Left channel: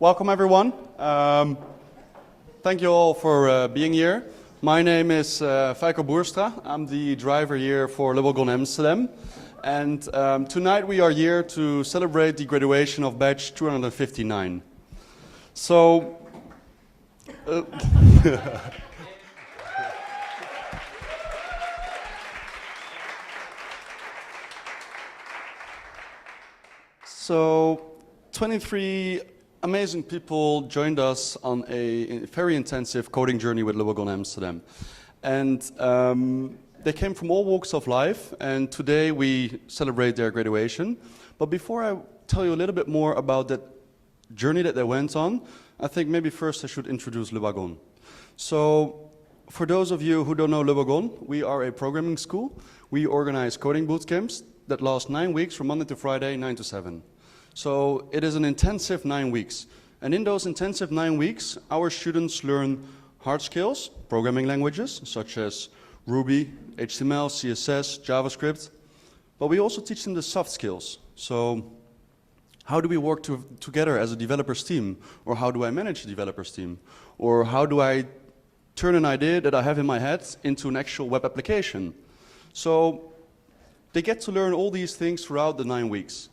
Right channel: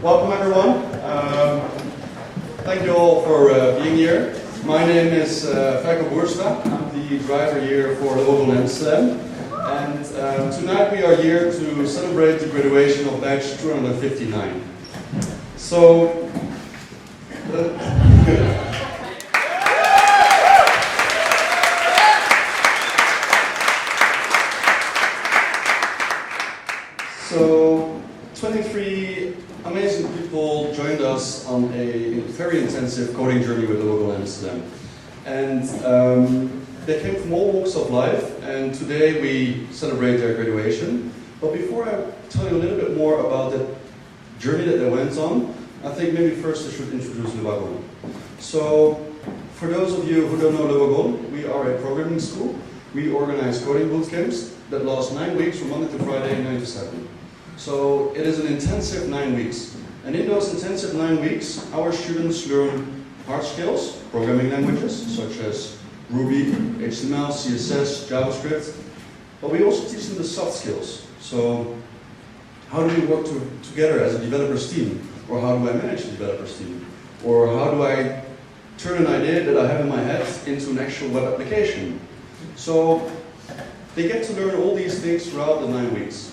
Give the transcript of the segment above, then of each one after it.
Welcome everyone. Thank you all for being here. My name is Wagon. I'm the driver here for Wagon Amsterdam. And tonight we are here to celebrate the graduation of batch 259. So, So 23 amazing people joined us on a very intensive coding journey with Wagon Amsterdam. And they came from all walks of life, and today we celebrate their graduation. But before I tell you a little bit more about the journey that they went on, I think maybe first I should introduce Wagon. So, for those of you who don't know Wagon, we are a programming school. We organize coding bootcamps that last 9 weeks from Monday to Friday, 9 to 7. So it is an intensive 9 weeks. And in those intensive 9 weeks, our students learn hard skills, programming languages, such as Ruby, HTML, CSS, JavaScript. But we also teach them the soft skills. So how do we work together as a developers team? Or how do I manage a developers team? Or how do I turn an idea that I have in my head into an actual web application? So they get to learn all these things throughout the 9 weeks.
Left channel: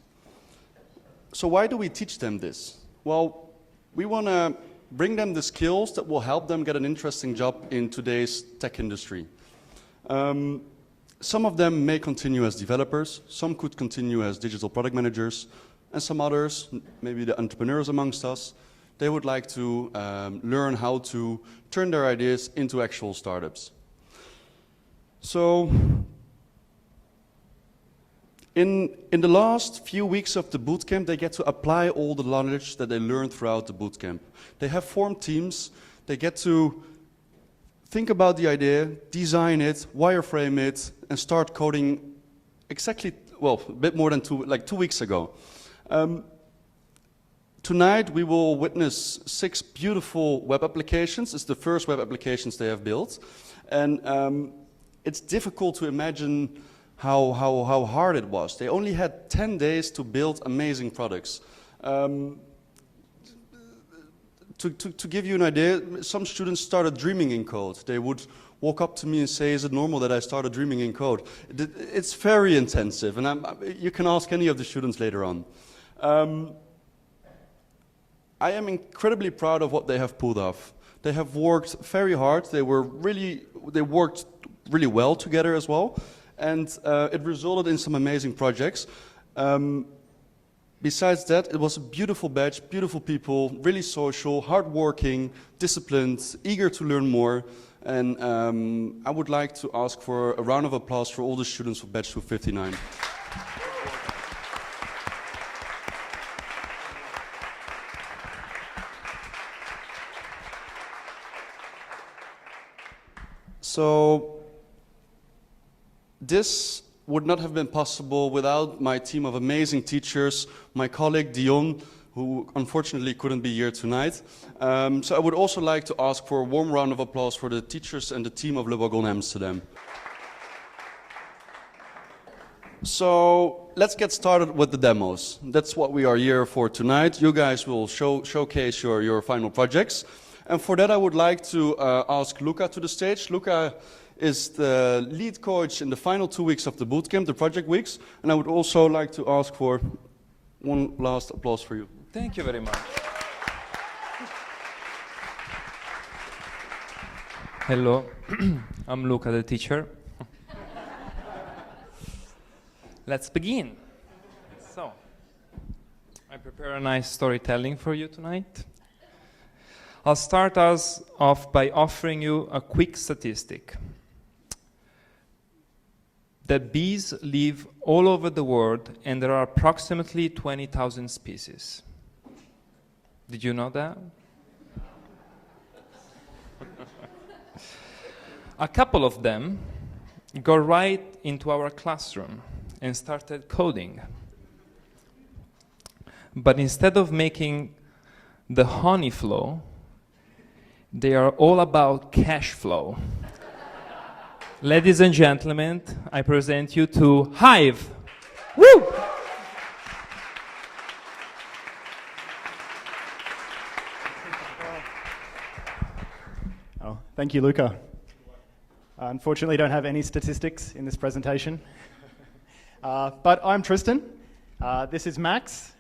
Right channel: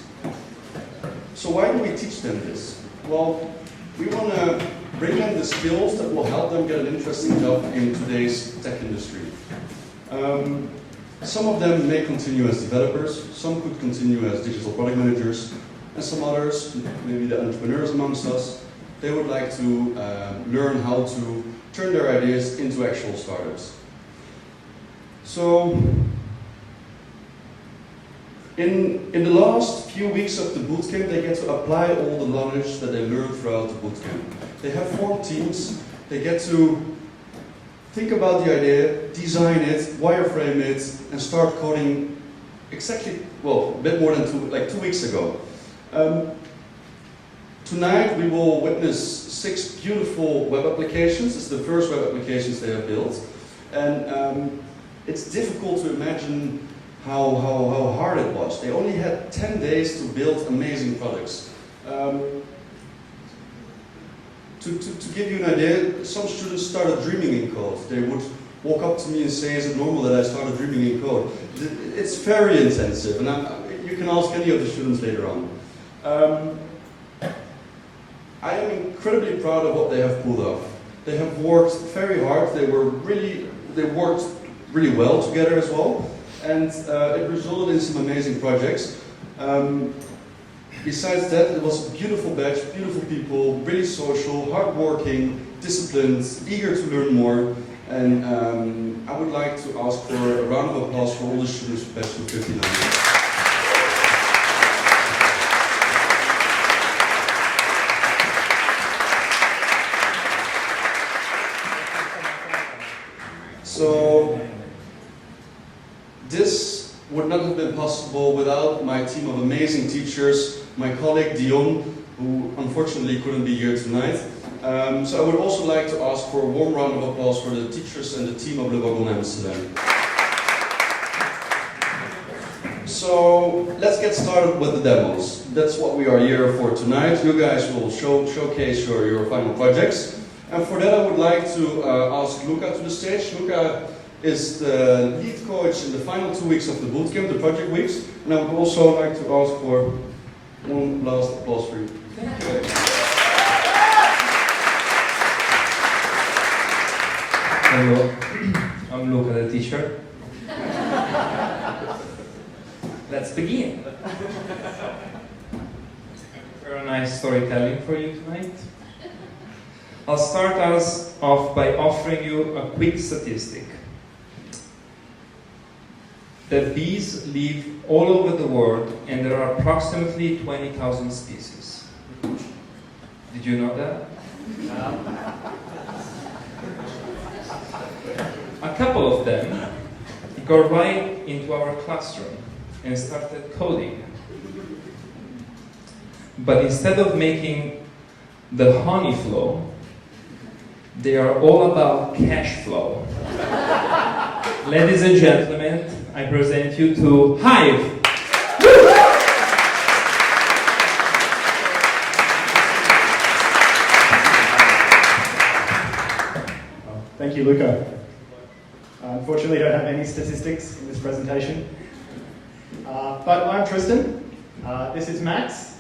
So why do we teach them this? Well, we want to bring them the skills that will help them get an interesting job in today's tech industry. Some of them may continue as developers, some could continue as digital product managers, and some others, maybe the entrepreneurs amongst us, they would like to learn how to turn their ideas into actual startups. So, in the last few weeks of the bootcamp, they get to apply all the knowledge that they learned throughout the bootcamp. They have formed teams, they get to think about the idea, design it, wireframe it, and start coding exactly, well, a bit more than 2 weeks ago. Tonight we will witness 6 beautiful web applications. It's the first web applications they have built. And it's difficult to imagine how hard it was. They only had 10 days to build amazing products. To give you an idea, some students started dreaming in code. They would walk up to me and say, is it normal that I started dreaming in code? It's very intensive, and you can ask any of the students later on. I am incredibly proud of what they have pulled off. They have worked very hard. They worked really well together as well. And it resulted in some amazing projects. Besides that, it was a beautiful batch, beautiful people, really social, hardworking, disciplined, eager to learn more. And I would like to ask for a round of applause for all the students of batch 259. So, this would not have been possible without my team of amazing teachers, my colleague Dion, who unfortunately couldn't be here tonight. So I would also like to ask for a warm round of applause for the teachers and the team of Wagon Amsterdam. So let's get started with the demos. That's what we are here for tonight. You guys will showcase your final projects. And for that I would like to ask Luca to the stage. Luca is the lead coach in the final 2 weeks of the bootcamp, the project weeks. And I would also like to ask for one last applause for you. Thank you very much. Hello, I'm Luca, the teacher. Let's begin. I prepared a nice storytelling for you tonight. I'll start us off by offering you a quick statistic. That bees live all over the world, and there are approximately 20,000 species. Did you know that? A couple of them got right into our classroom and started coding. But instead of making the honey flow, they are all about cash flow. Ladies and gentlemen, I present you to Hive. Woo! Thank you, Luca. Unfortunately, I don't have any statistics in this presentation. But I'm Tristan. This is Max.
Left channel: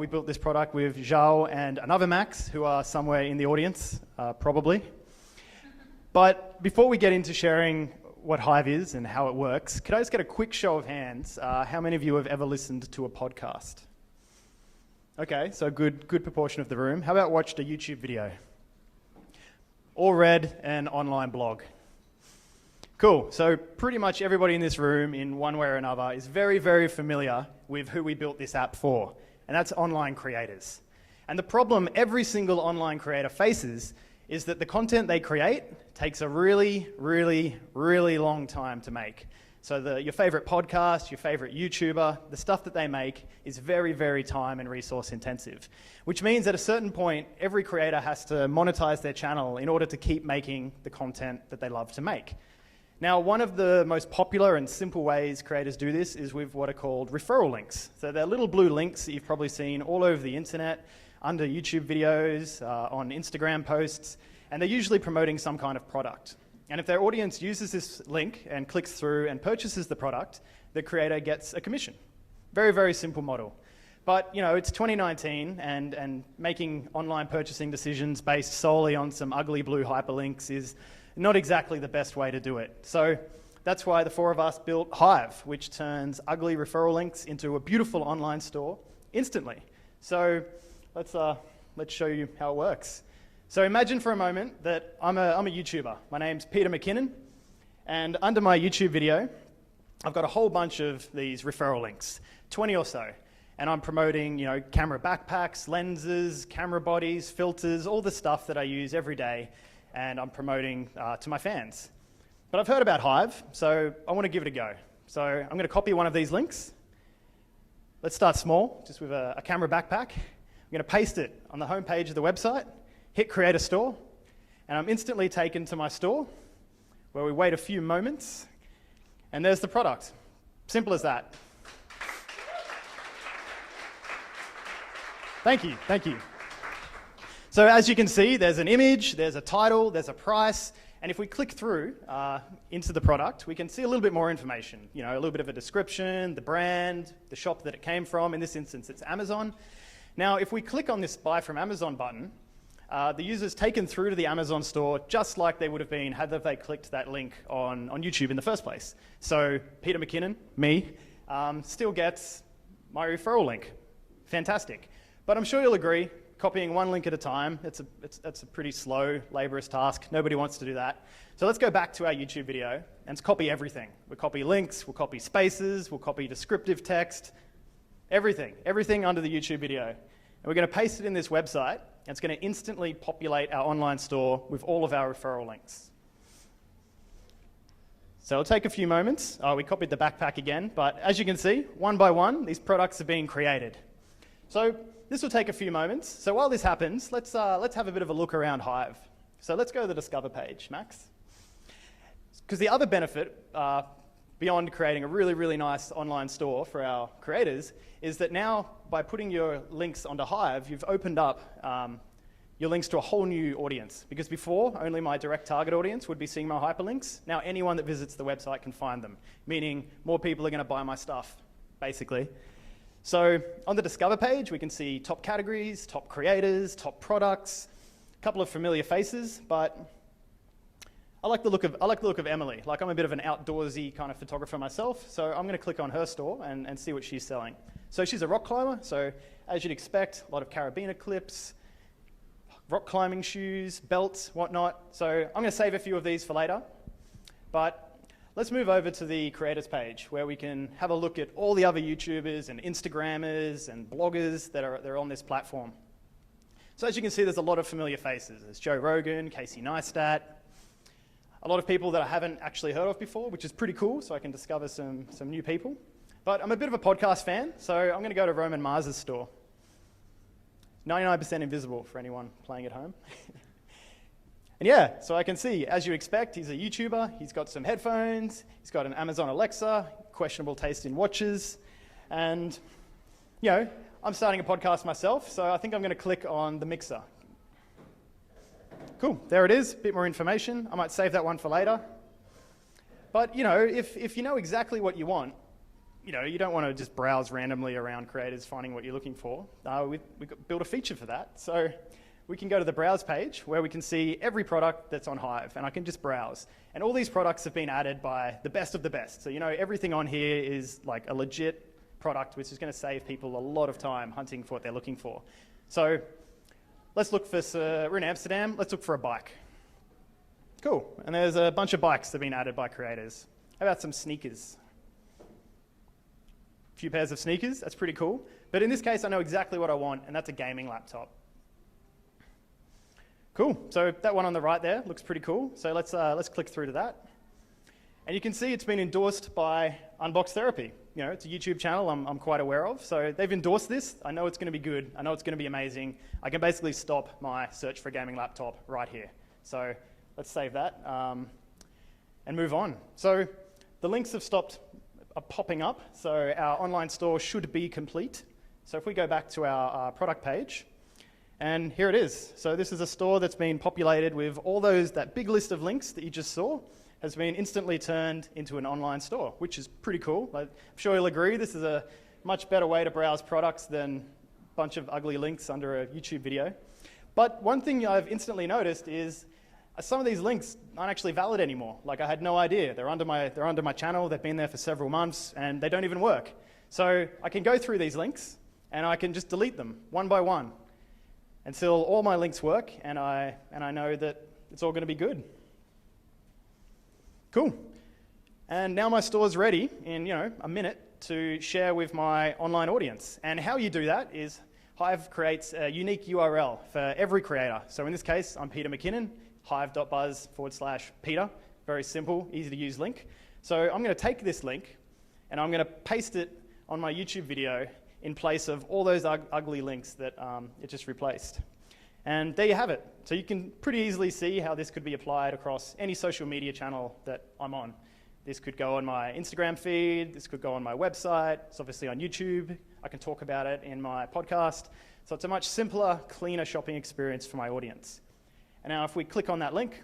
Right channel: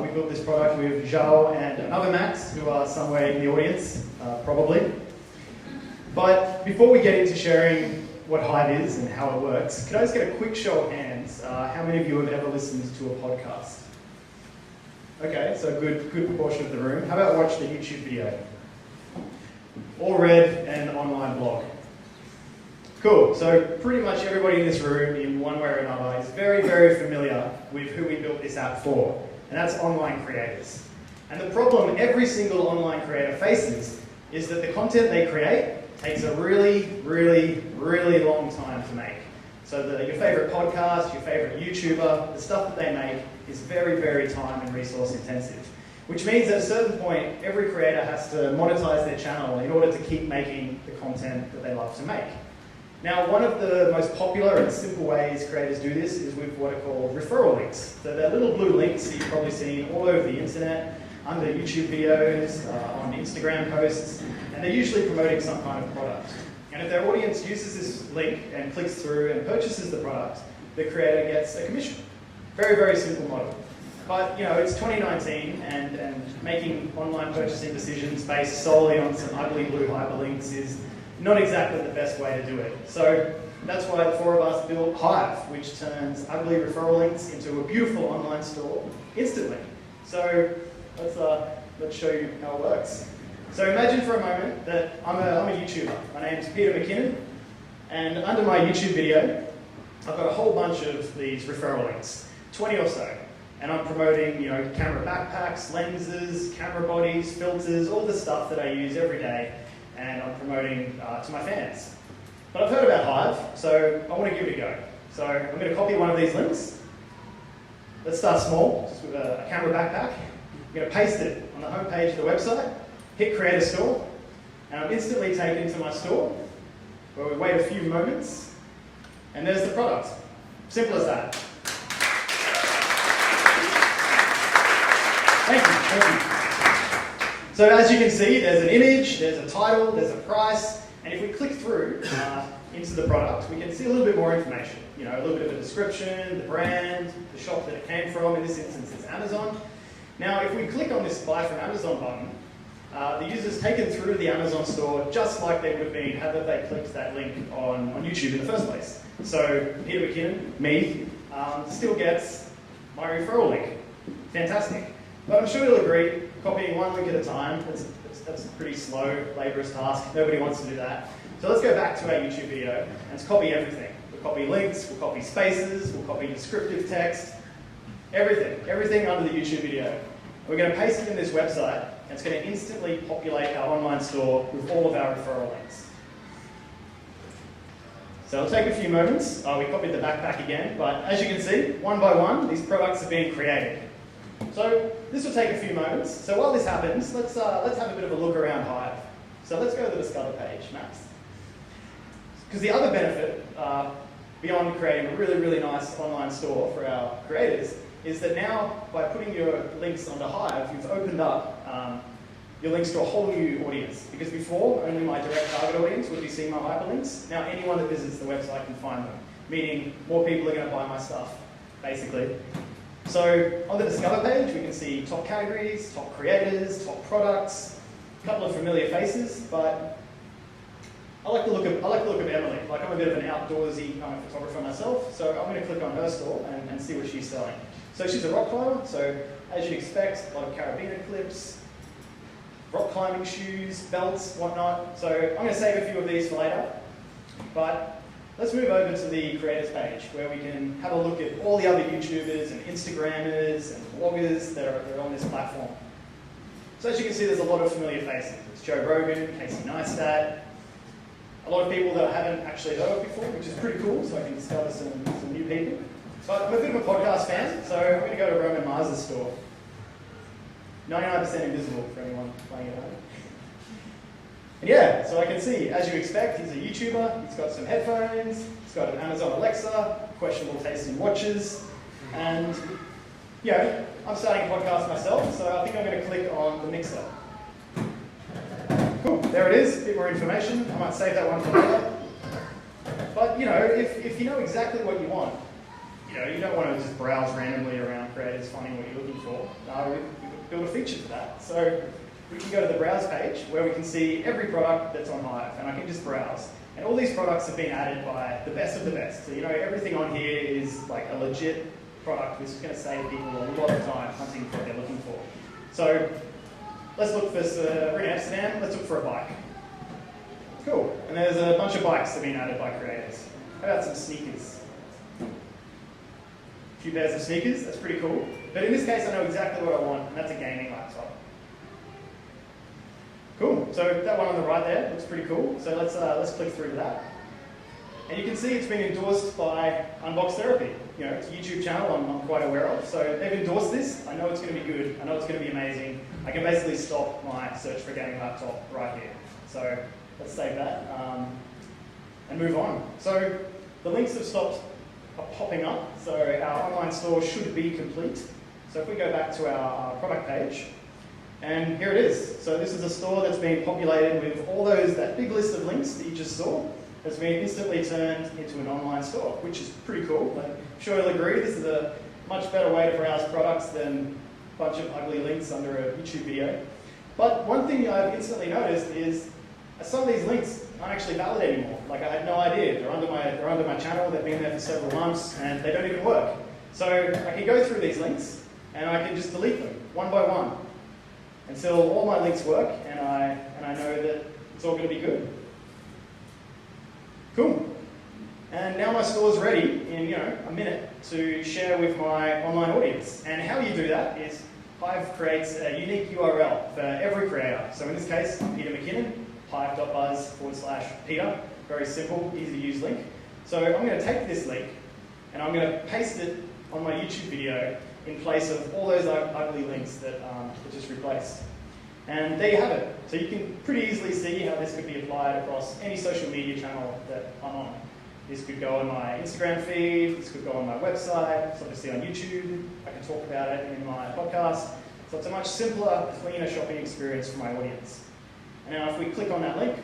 We built this product with Zhao and another Max, who are somewhere in the audience, probably. But before we get into sharing what Hive is and how it works, could I just get a quick show of hands? How many of you have ever listened to a podcast? Okay, so a good proportion of the room. How about watched a YouTube video? Or read an online blog? Cool, so pretty much everybody in this room, in one way or another, is very, very familiar with who we built this app for, and that's online creators. And the problem every single online creator faces is that the content they create takes a really, really, really long time to make. So your favorite podcast, your favorite YouTuber, the stuff that they make is very, very time and resource intensive. Which means at a certain point, every creator has to monetize their channel in order to keep making the content that they love to make. Now, one of the most popular and simple ways creators do this is with what are called referral links. So they're little blue links that you've probably seen all over the internet, under YouTube videos, on Instagram posts, and they're usually promoting some kind of product. And if their audience uses this link and clicks through and purchases the product, the creator gets a commission. Very, very simple model. But it's 2019 and making online purchasing decisions based solely on some ugly blue hyperlinks is not exactly the best way to do it. So that's why the four of us built Hive, which turns ugly referral links into a beautiful online store instantly. So let's show you how it works. So imagine for a moment that I'm a YouTuber. My name's Peter McKinnon, and under my YouTube video, I've got a whole bunch of these referral links, 20 or so. And I'm promoting, camera backpacks, lenses, camera bodies, filters, all the stuff that I use every day, and I'm promoting to my fans. But I've heard about Hive, so I want to give it a go. So I'm going to copy one of these links. Let's start small, just with a camera backpack. I'm going to paste it on the homepage of the website, hit Create a Store, and I'm instantly taken to my store, where we wait a few moments, and there's the product. Simple as that. Thank you. So as you can see, there's an image, there's a title, there's a price, and if we click through into the product, we can see a little bit more information. A little bit of a description, the brand, the shop that it came from. In this instance, it's Amazon. Now, if we click on this Buy from Amazon button, the user's taken through to the Amazon store just like they would have been had they clicked that link on YouTube in the first place. So Peter McKinnon, me, still gets my referral link. Fantastic. But I'm sure you'll agree, copying one link at a time, that's a pretty slow, laborious task. Nobody wants to do that. So let's go back to our YouTube video and let's copy everything. We'll copy links, we'll copy spaces, we'll copy descriptive text, everything under the YouTube video. And we're going to paste it in this website, and it's going to instantly populate our online store with all of our referral links. So it'll take a few moments. We copied the backpack again, but as you can see, one by one, these products are being created. So this will take a few moments. So while this happens, let's have a bit of a look around Hive. So let's go to the Discover page, Max. Because the other benefit, beyond creating a really, really nice online store for our creators, is that now by putting your links onto Hive, you've opened up your links to a whole new audience. Because before, only my direct target audience would be seeing my hyperlinks. Now anyone that visits the website can find them, meaning more people are going to buy my stuff, basically. So on the Discover page, we can see top categories, top creators, top products, a couple of familiar faces, but I like the look of Emily. Like, I'm a bit of an outdoorsy kind of photographer myself, so I'm going to click on her store and see what she's selling. So she's a rock climber, so as you'd expect, a lot of carabiner clips, rock climbing shoes, belts, whatnot. So I'm going to save a few of these for later, but let's move over to the creators page where we can have a look at all the other YouTubers and Instagrammers and bloggers that are on this platform. So as you can see, there's a lot of familiar faces. It's Joe Rogan, Casey Neistat, a lot of people that I haven't actually heard of before, which is pretty cool, so I can discover some new people. So I'm a bit of a podcast fan, so I'm going to go to Roman Mars's store. 99% invisible for anyone playing at home. And yeah, so I can see, as you expect, he's a YouTuber, he's got some headphones, he's got an Amazon Alexa, questionable taste in watches, and I'm starting a podcast myself, so I think I'm going to click on the mixer. Cool. there it is, a bit more information. I might save that one for later. But you know, if you know exactly what you want, you know, you don't want to just browse randomly around creators finding what you're looking for. We've built a feature for that. So we can go to the browse page where we can see every product that's on Hive, and I can just browse. And all these products have been added by the best of the best. So you know, everything on here is like a legit product which is going to save people a lot of time hunting for what they're looking for. So let's look for, we're in Amsterdam, let's look for a bike. Cool, and there's a bunch of bikes that have been added by creators. How about some sneakers? A few pairs of sneakers, that's pretty cool. But in this case, I know exactly what I want, and that's a gaming laptop. Cool, so that one on the right there looks pretty cool. So let's click through to that. And you can see it's been endorsed by Unbox Therapy. You know, it's a YouTube channel I'm quite aware of. So they've endorsed this. I know it's going to be good. I know it's going to be amazing. I can basically stop my search for a gaming laptop right here. So let's save that and move on. So the links have stopped popping up. So our online store should be complete. So if we go back to our product page, and here it is. So this is a store that's been populated with all that big list of links that you just saw has been instantly turned into an online store, which is pretty cool. I'm sure you'll agree this is a much better way to browse products than a bunch of ugly links under a YouTube video. But one thing I've instantly noticed is some of these links aren't actually valid anymore. Like, I had no idea. They're under my channel, they've been there for several months, and they don't even work. So I can go through these links, and I can just delete them, one by one, until all my links work, and I know that it's all going to be good. Cool. And now my store's ready in, you know, a minute to share with my online audience. And how you do that is Hive creates a unique URL for every creator. So in this case, I'm Peter McKinnon, hive.buzz/Peter. Very simple, easy to use link. So I'm going to take this link and I'm going to paste it on my YouTube video in place of all those ugly links that it just replaced. And there you have it. So you can pretty easily see how this could be applied across any social media channel that I'm on. This could go on my Instagram feed, this could go on my website, it's obviously on YouTube, I can talk about it in my podcast. So it's a much simpler, cleaner shopping experience for my audience. And now if we click on that link,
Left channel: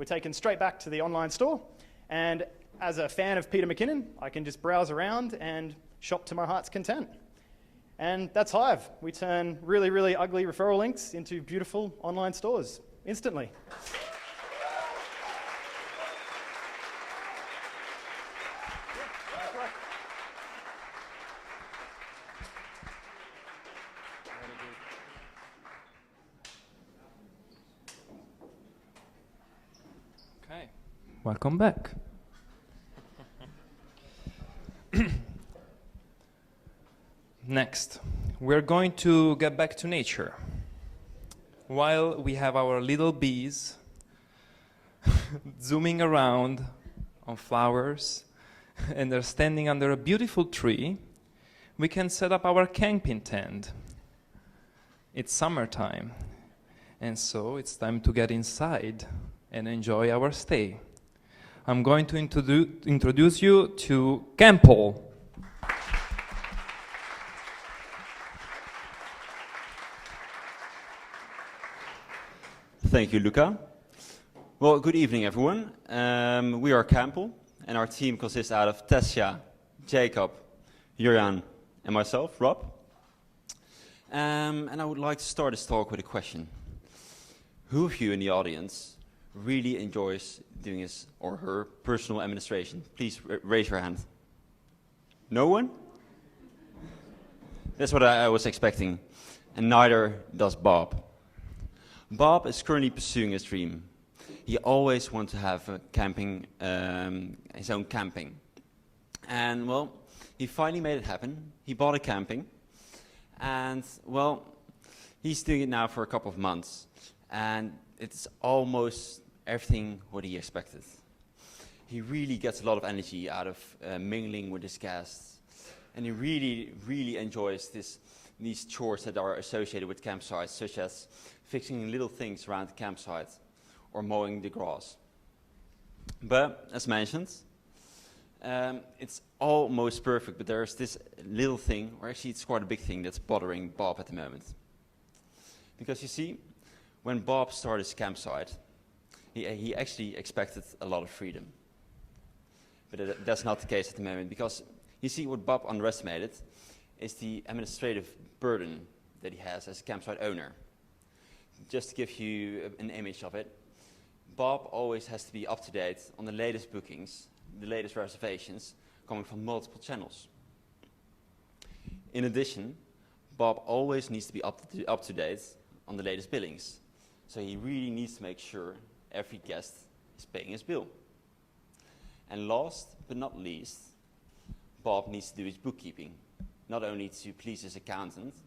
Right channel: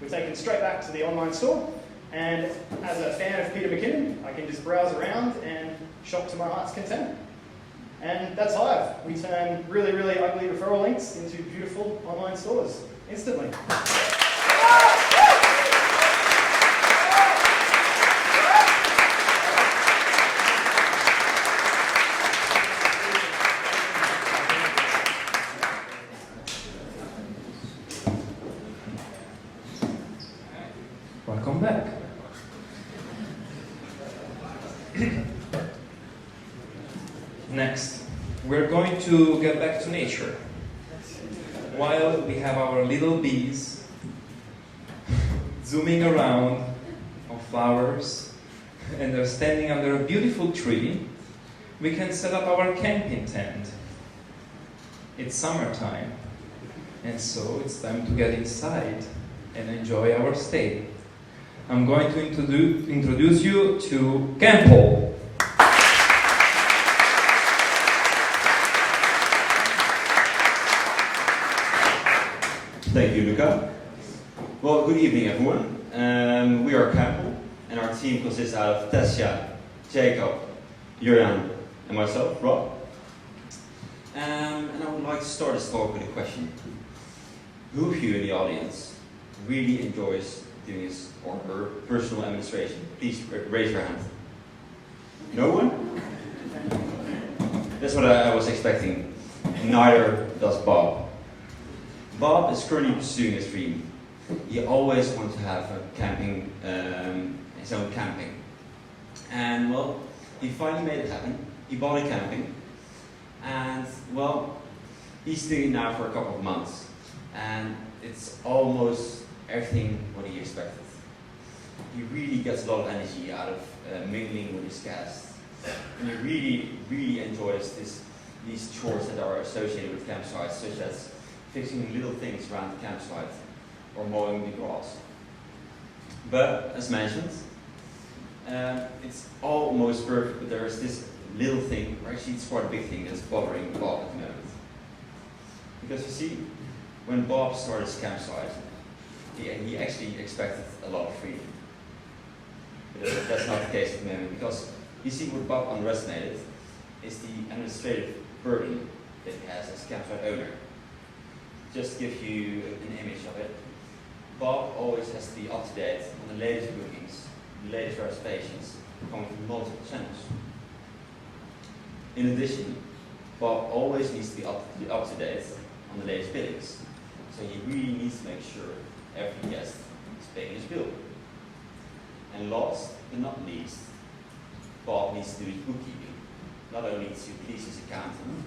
we're taken straight back to the online store. And as a fan of Peter McKinnon, I can just browse around and shop to my heart's content. And that's Hive. We turn really, really ugly referral links into beautiful online stores instantly. Welcome back. Next, we're going to get back to nature. While we have our little bees zooming around on flowers and they're standing under a beautiful tree, we can set up our camping tent. It's summertime, and so it's time to get inside and enjoy our stay. I'm going to introduce you to Campbell. Thank you, Luca. Well, good evening, everyone. We are Campbell, and our team consists out of Tessia, Jacob, Jurjan, and myself, Rob. And I would like to start this talk with a question. Who of you in the audience really enjoys doing his or her personal administration? Please raise your hand. No one? That's what I was expecting. And neither does Bob. Bob is currently pursuing his dream. He always wanted to have a camping, his own camping. And well, he finally made it happen. He bought a camping. And well, he's doing it now for a couple of months. And it's almost everything what he expected. He really gets a lot of energy out of mingling with his guests. And he really, really enjoys these chores that are associated with campsites, such as fixing little things around the campsite or mowing the grass. But, as mentioned, it's almost perfect, but there's this little thing, or actually it's quite a big thing that's bothering Bob at the moment. Because you see, When Bob started his campsite, he actually expected a lot of freedom. But that's not the case at the moment, because you see what Bob underestimated is the administrative burden that he has as a campsite owner. Just to give you an image of it, Bob always has to be up to date on the latest bookings, the latest reservations, coming from multiple channels. In addition, Bob always needs to be up to date on the latest billings. So he really needs to make sure every guest is paying his bill. And last but not least, Bob needs to do his bookkeeping, not only to please his accountant,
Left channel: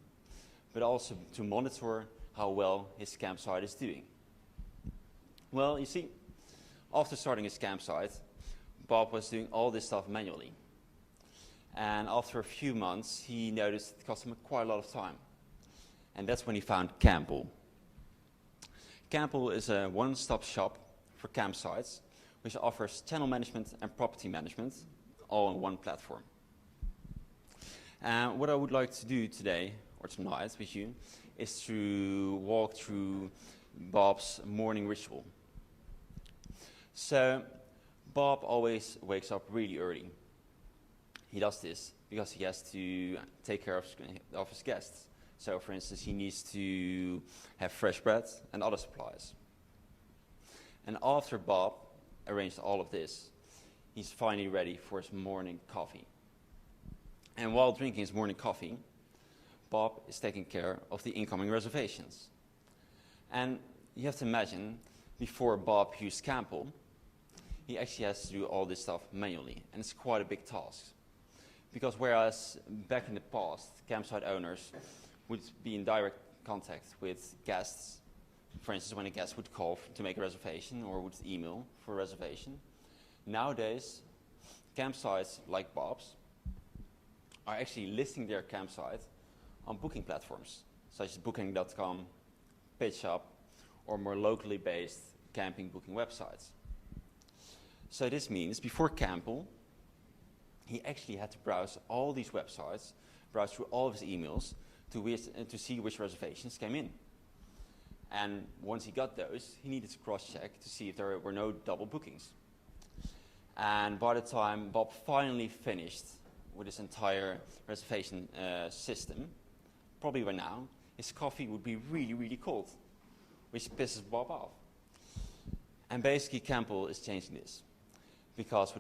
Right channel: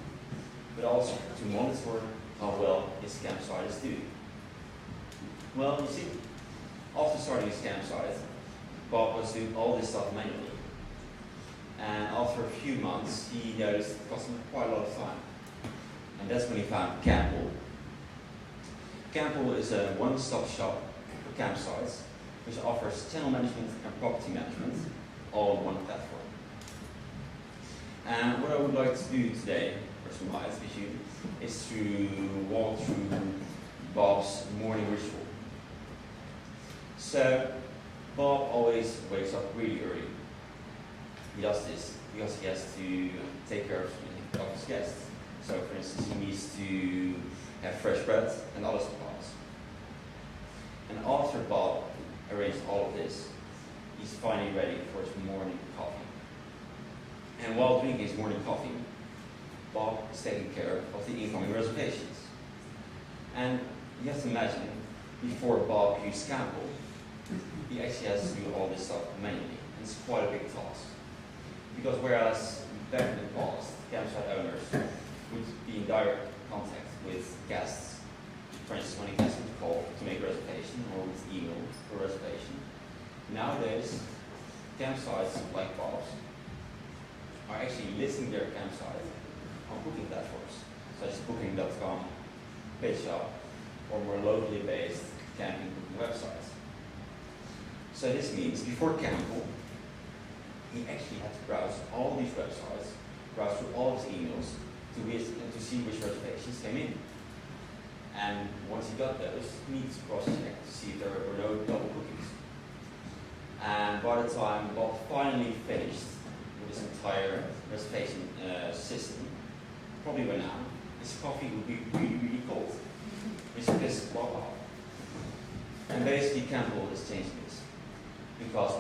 but also to monitor how well his campsite is doing. Well, you see, after starting his campsite, Bob was doing all this stuff manually. And after a few months, he noticed it cost him quite a lot of time. And that's when he found Campbell. Campbell is a one-stop shop for campsites, which offers channel management and property management all on one platform. And what I would like to do today, or tonight with you, is to walk through Bob's morning ritual. So, Bob always wakes up really early. He does this because he has to take care of his guests. So, for instance, he needs to have fresh bread and other supplies. And after Bob arranged all of this, he's finally ready for his morning coffee. And while drinking his morning coffee, Bob is taking care of the incoming reservations. And you have to imagine, before Bob used Campbell, he actually has to do all this stuff manually. And it's quite a big task. Because whereas back in the past, campsite owners would be in direct contact with guests, for instance, when a guest would call to make a reservation or would email for a reservation, nowadays, campsites like Bob's are actually listing their campsite on booking platforms, such as Booking.com, PageUp, or more locally based camping booking websites. So this means before Campbell, he actually had to browse all these websites, browse through all of his emails to see which reservations came in. And once he got those, he needed to cross-check to see if there were no double bookings. And by the time Bob finally finished with his entire reservation system, probably by now, his coffee would be really, really cold. Which pisses Bob off. And basically Campbell is changing this. Because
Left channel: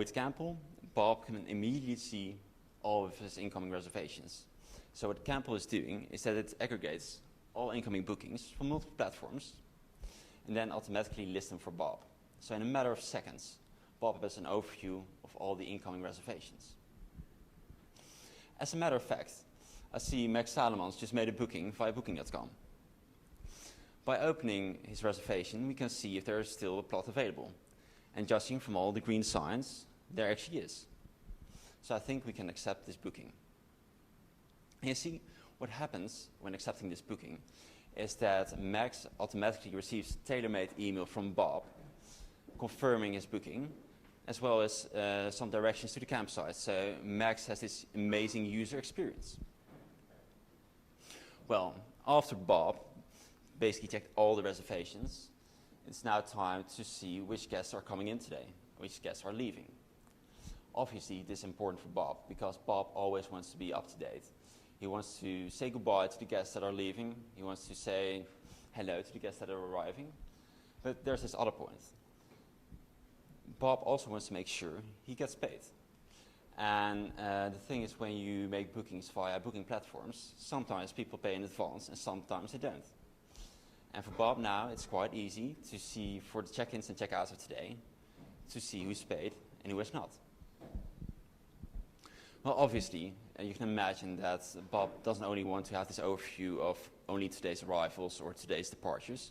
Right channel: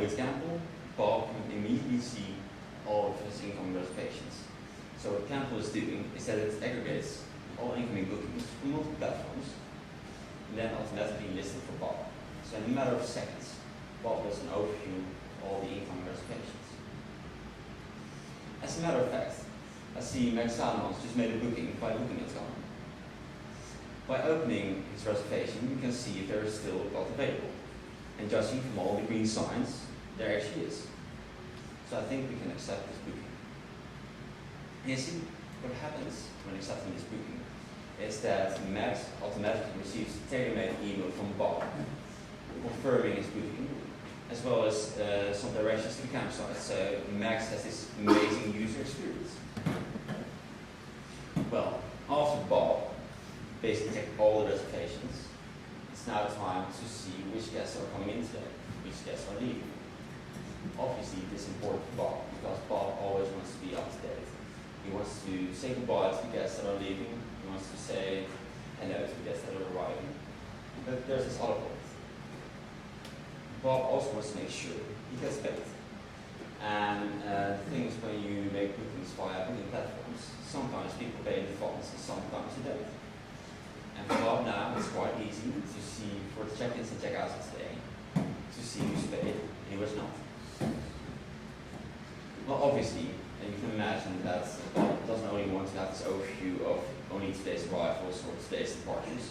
with Campbell, Bob can immediately see all of his incoming reservations. So what Campbell is doing is that it aggregates all incoming bookings from multiple platforms and then automatically lists them for Bob. So in a matter of seconds, Bob has an overview of all the incoming reservations. As a matter of fact, I see Max Salmons just made a booking via Booking.com. By opening his reservation, we can see if there is still a plot available. And judging from all the green signs, there actually is. So I think we can accept this booking. And you see, what happens when accepting this booking is that Max automatically receives a tailor-made email from Bob confirming his booking, as well as some directions to the campsite. So Max has this amazing user experience. Well, after Bob basically checked all the reservations, it's now time to see which guests are coming in today, which guests are leaving. Obviously, this is important for Bob, because Bob always wants to be up to date. He wants to say goodbye to the guests that are leaving. He wants to say hello to the guests that are arriving. But there's this other point. Bob also wants to make sure he gets paid. And the thing is, when you make bookings via booking platforms, sometimes people pay in advance and sometimes they don't. And for Bob now, it's quite easy to see for the check-ins and check-outs of today, to see who's paid and who is not. Well, obviously, you can imagine that Bob doesn't only want to have this overview of only today's arrivals or today's departures.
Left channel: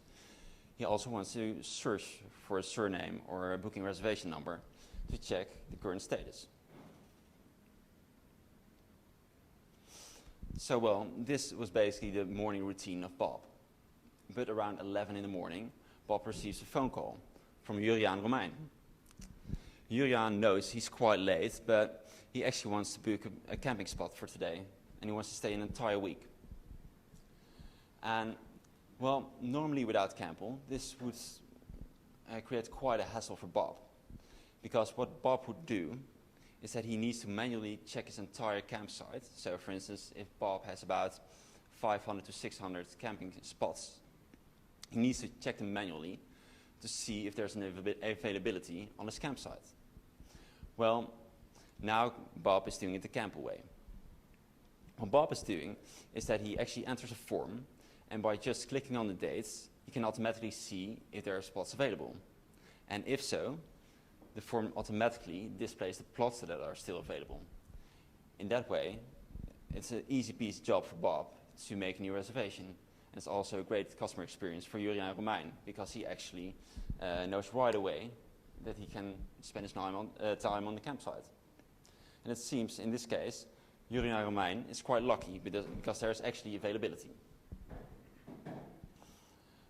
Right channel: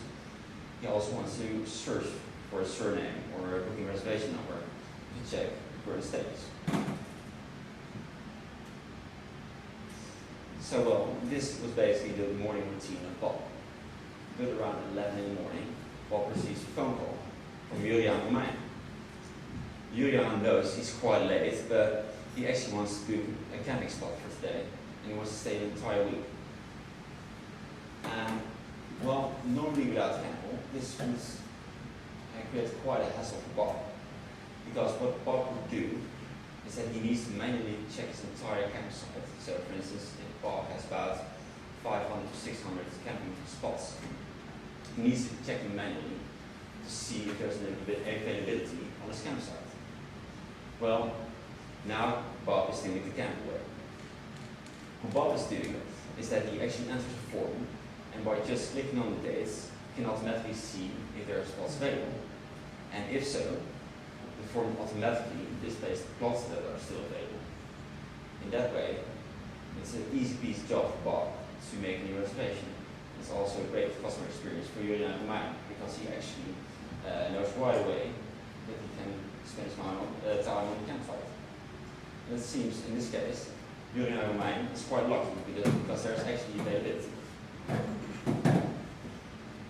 He also wants to search for a surname or a booking reservation number to check the current status. So, well, this was basically the morning routine of Bob. But around 11 in the morning, Bob receives a phone call from Julian Romein. Julian knows he's quite late, but he actually wants to book a camping spot for today, and he wants to stay an entire week. And Well, normally without Campbell, this would create quite a hassle for Bob. Because what Bob would do is that he needs to manually check his entire campsite. So for instance, if Bob has about 500 to 600 camping spots, he needs to check them manually to see if there's an availability on his campsite. Well, now Bob is doing it the Campbell way. What Bob is doing is that he actually enters a form, and by just clicking on the dates, he can automatically see if there are spots available. And if so, the form automatically displays the plots that are still available. In that way, it's an easy peasy job for Bob to make a new reservation. It's also a great customer experience for Julian and mine, because he actually knows right away that he can spend his time on the campsite. And it seems, in this case, Julian and mine is quite lucky because there's actually availability.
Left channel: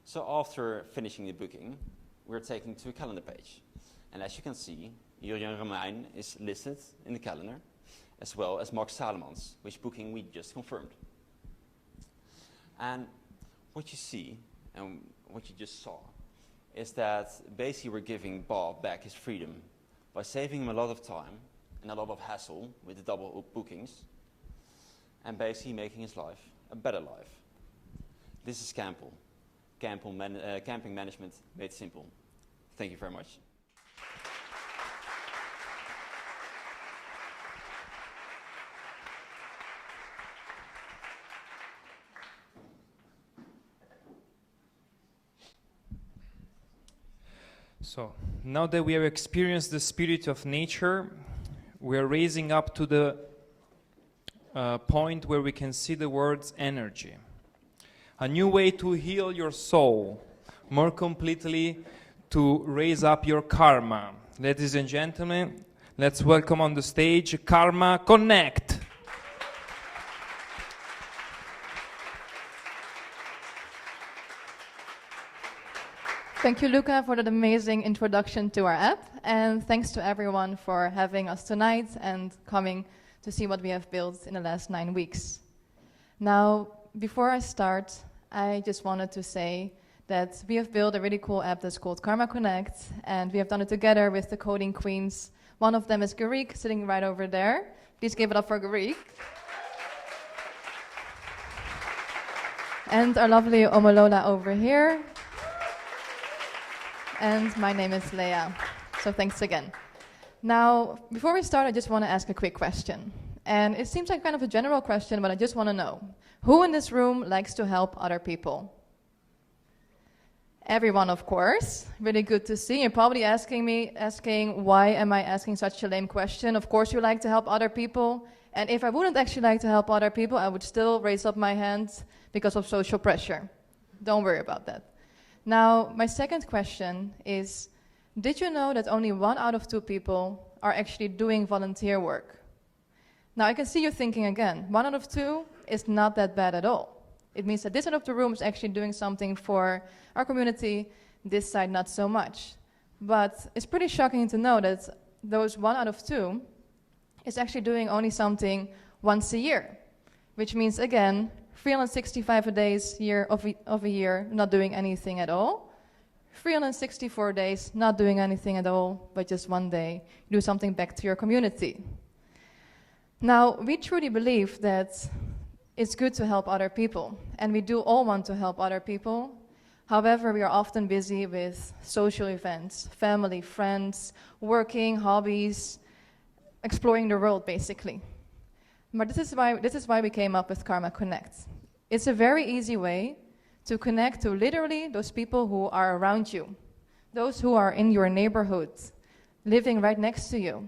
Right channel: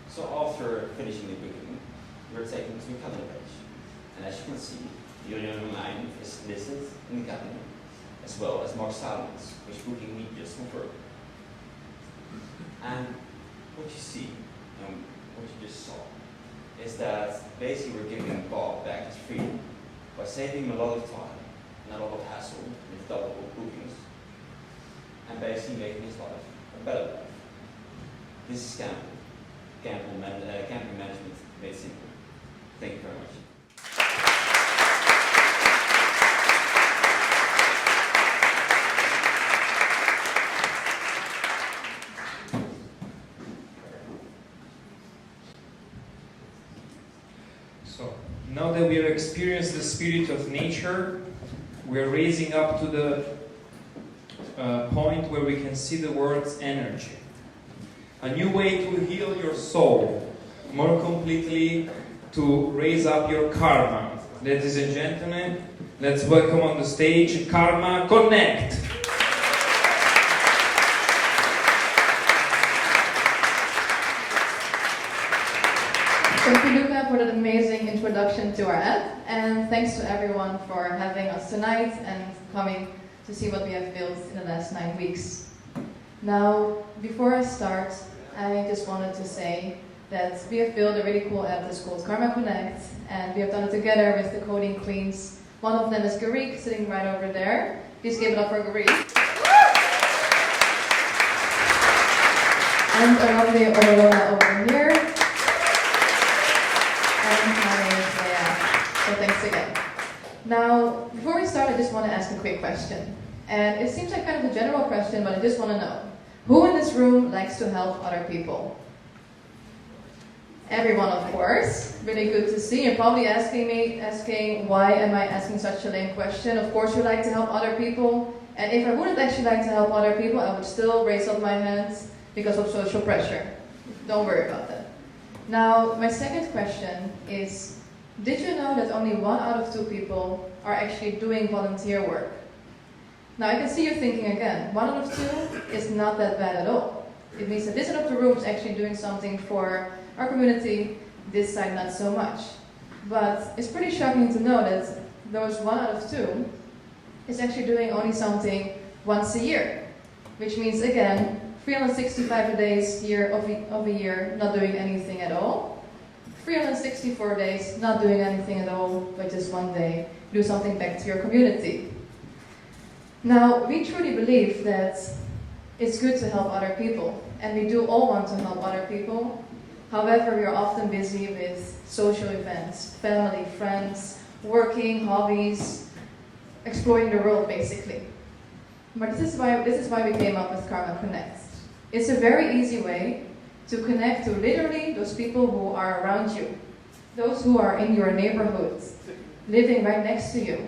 So after finishing the booking, we're taken to a calendar page. And as you can see, Julian and mine is listed in the calendar, as well as Mark Salomon's, which booking we just confirmed. And what you see, and what you just saw, is that basically we're giving Bob back his freedom by saving him a lot of time and a lot of hassle with double bookings, and basically making his life a better life. This is Campbell. Camping management made simple. Thank you very much. So, now that we have experienced the spirit of nature, we're raising up to the point where we can see the words energy. A new way to heal your soul, more completely to raise up your karma. Ladies and gentlemen, let's welcome on the stage Karma Connect. Thank you, Luca, for that amazing introduction to our app, and thanks to everyone for having us tonight and coming to see what we have built in the last 9 weeks. Now, before I start, I just wanted to say that we have built a really cool app that's called Karma Connect, and we have done it together with the coding queens. One of them is Garik, sitting right over there. Please give it up for Garik. And our lovely Orlona over here. And my name is Leah. So thanks again. Now, before we start, I just want to ask a quick question. And it seems like kind of a general question, but I just want to know. Who in this room likes to help other people? Everyone, of course. Really good to see. You're probably asking why am I asking such a lame question? Of course we like to help other people. And if I wouldn't actually like to help other people, I would still raise up my hand because of social pressure. Don't worry about that. Now, my second question is, did you know that only 1 out of 2 people are actually doing volunteer work? Now, I can see you thinking again, 1 out of 2 is not that bad at all. It means that this side of the room is actually doing something for our community, this side not so much. But it's pretty shocking to know that those 1 out of 2 is actually doing only something once a year. Which means, again, 365 days of a year not doing anything at all. 364 days not doing anything at all, but just one day do something back to your community. Now, we truly believe that it's good to help other people, and we do all want to help other people. However, we are often busy with social events, family, friends, working, hobbies, exploring the world, basically. But this is why we came up with Karma Connect. It's a very easy way to connect to literally those people who are around you, those who are in your neighborhood, living right next to you.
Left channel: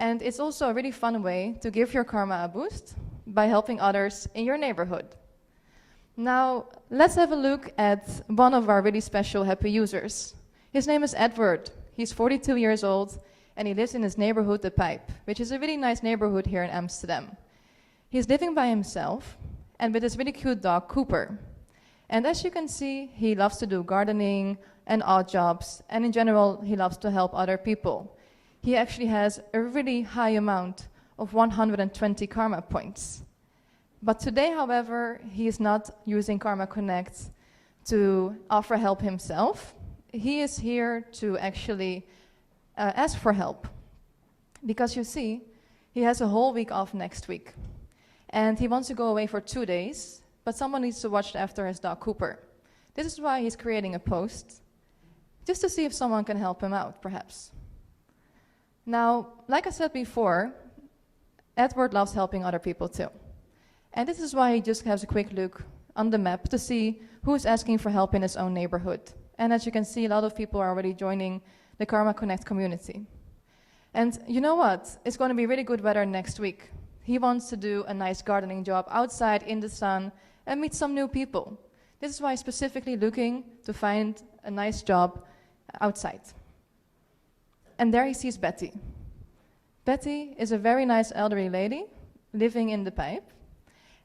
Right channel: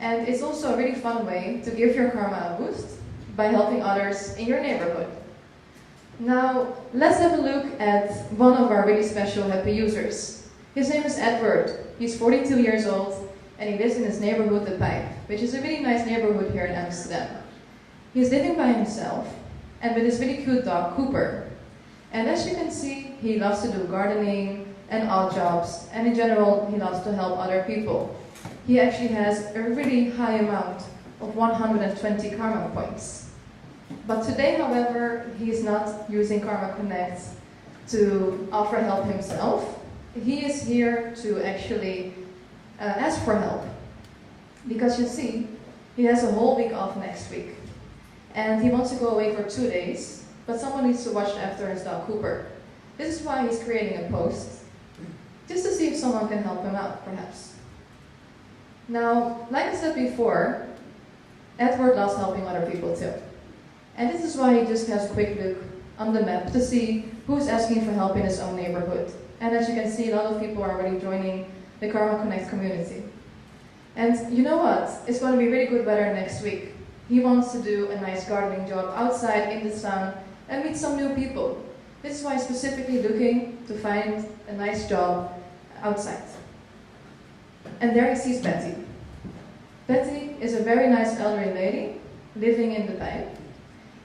And it's also a really fun way to give your karma a boost by helping others in your neighborhood. Now, let's have a look at one of our really special happy users. His name is Edward. He's 42 years old, and he lives in his neighborhood, The Pipe, which is a really nice neighborhood here in Amsterdam. He's living by himself, and with his really cute dog, Cooper. And as you can see, he loves to do gardening and odd jobs, and in general, he loves to help other people. He actually has a really high amount of 120 karma points. But today, however, he is not using Karma Connect to offer help himself. He is here to actually ask for help. Because you see, he has a whole week off next week. And he wants to go away for 2 days, but someone needs to watch after his dog Cooper. This is why he's creating a post, just to see if someone can help him out, perhaps. Now, like I said before, Edward loves helping other people too. And this is why he just has a quick look on the map to see who is asking for help in his own neighborhood. And as you can see, a lot of people are already joining the Karma Connect community. And you know what? It's going to be really good weather next week. He wants to do a nice gardening job outside in the sun and meet some new people. This is why he's specifically looking to find a nice job outside. And there he sees Betty. Betty is a very nice elderly lady living in the pipe.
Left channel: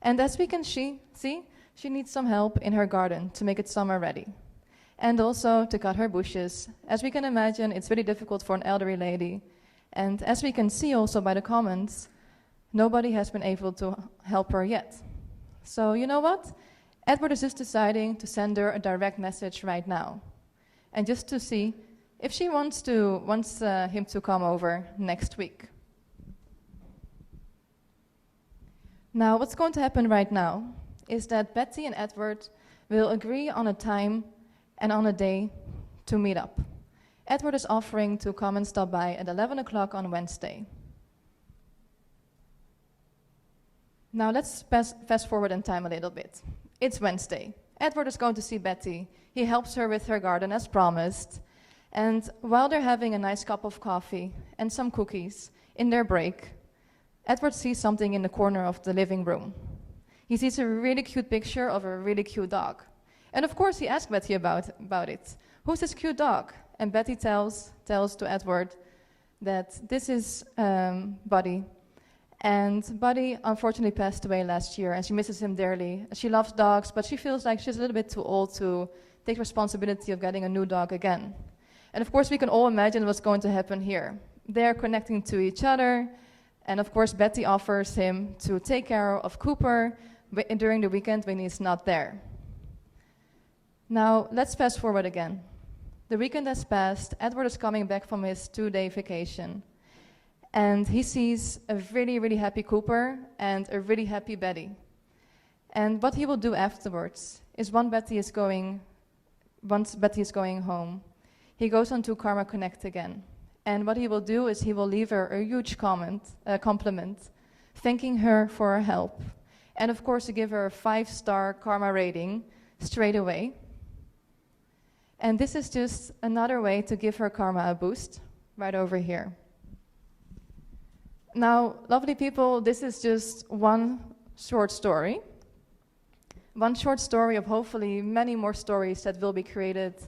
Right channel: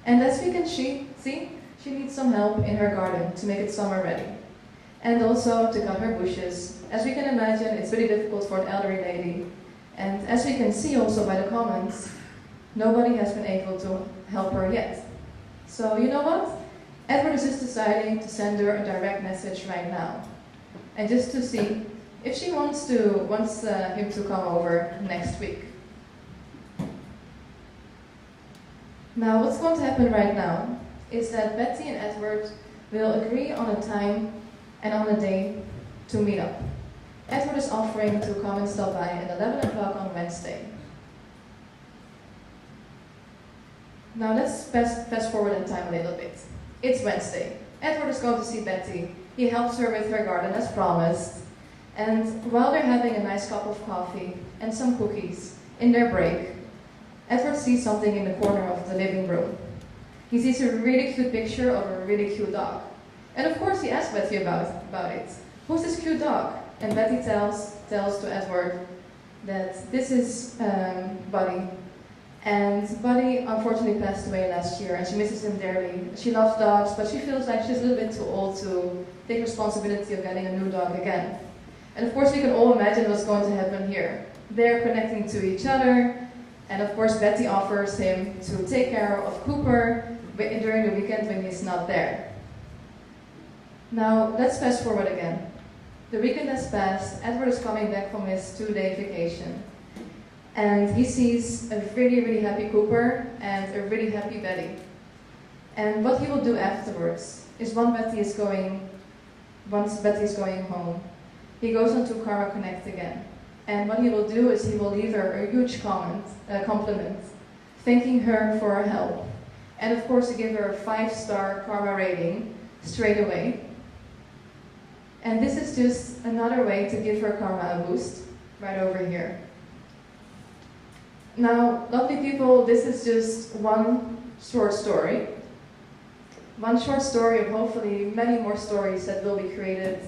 And as we can see, she needs some help in her garden to make it summer ready. And also to cut her bushes. As we can imagine, it's really difficult for an elderly lady. And as we can see also by the comments, nobody has been able to help her yet. So you know what? Edward is just deciding to send her a direct message right now. And just to see if she wants him to come over next week. Now, what's going to happen right now is that Betty and Edward will agree on a time and on a day to meet up. Edward is offering to come and stop by at 11 o'clock on Wednesday. Now let's fast forward in time a little bit. It's Wednesday. Edward is going to see Betty. He helps her with her garden as promised. And while they're having a nice cup of coffee and some cookies in their break, Edward sees something in the corner of the living room. He sees a really cute picture of a really cute dog. And of course he asks Betty about it. Who's this cute dog? And Betty tells to Edward that this is Buddy. And Buddy unfortunately passed away last year and she misses him dearly. She loves dogs, but she feels like she's a little bit too old to take responsibility of getting a new dog again. And of course we can all imagine what's going to happen here. They're connecting to each other, and of course Betty offers him to take care of Cooper during the weekend when he's not there. Now let's fast forward again. The weekend has passed, Edward is coming back from his 2-day vacation. And he sees a really, really happy Cooper and a really happy Betty. And what he will do afterwards is once Betty is going home, he goes on to Karma Connect again. And what he will do is he will leave her a huge compliment, thanking her for her help. And of course to give her a 5-star karma rating straight away. And this is just another way to give her karma a boost, right over here. Now, lovely people, this is just one short story. One short story of hopefully many more stories that will be created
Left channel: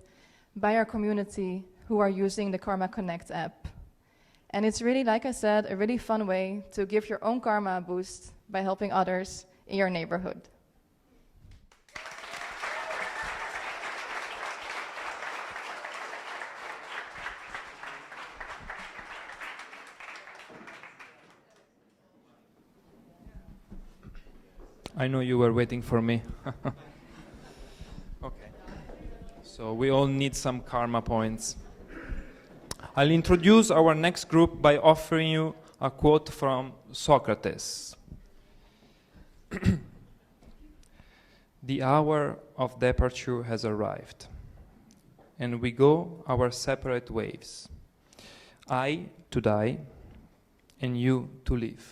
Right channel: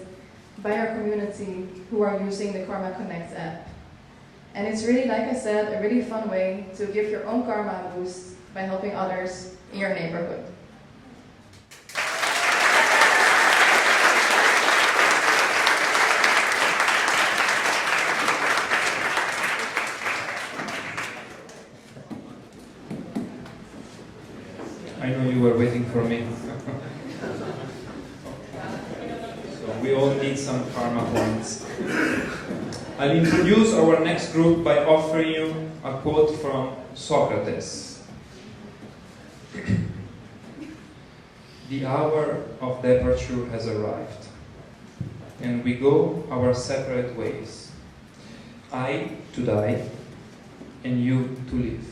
by our community who are using the Karma Connect app. And it's really, like I said, a really fun way to give your own karma a boost by helping others in your neighborhood. I know you were waiting for me. So we all need some karma points. I'll introduce our next group by offering you a quote from Socrates. The hour of departure has arrived, and we go our separate ways. I to die, and you to live.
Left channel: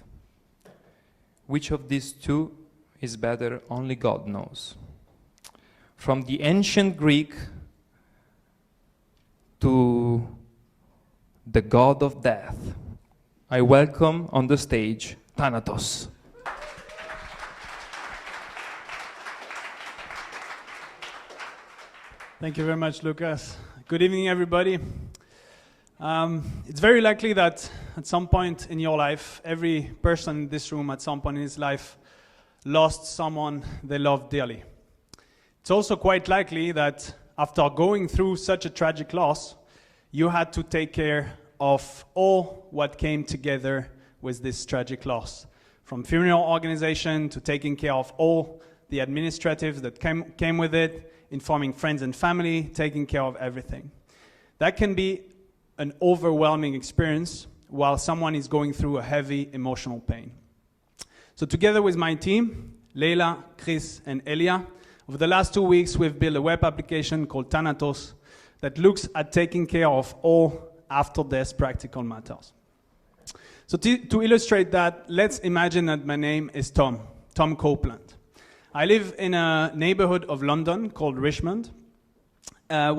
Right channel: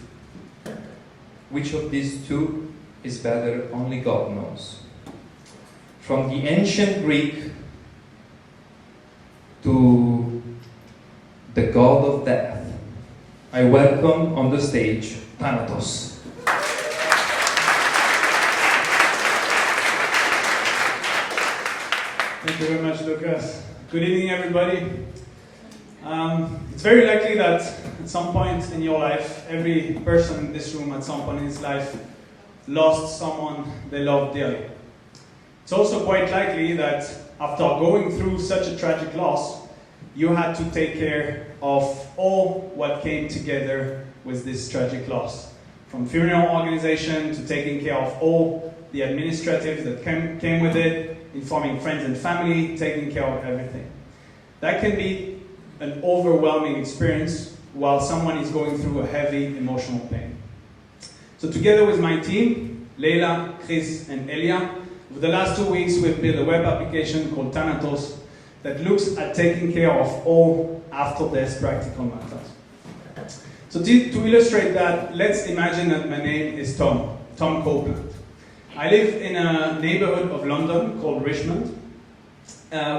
Which of these two is better, only God knows. From the ancient Greek to the god of death, I welcome on the stage Thanatos. Thank you very much, Lucas. Good evening, everybody. It's very likely that at some point in your life, every person in this room at some point in his life lost someone they loved dearly. It's also quite likely that after going through such a tragic loss, you had to take care of all what came together with this tragic loss. From funeral organization to taking care of all the administrative that came with it, informing friends and family, taking care of everything. That can be an overwhelming experience while someone is going through a heavy emotional pain. So together with my team, Leila, Chris, and Elia, over the last 2 weeks we've built a web application called Thanatos that looks at taking care of all after-death practical matters. So to illustrate that, let's imagine that my name is Tom Copeland. I live in a neighborhood of London called Richmond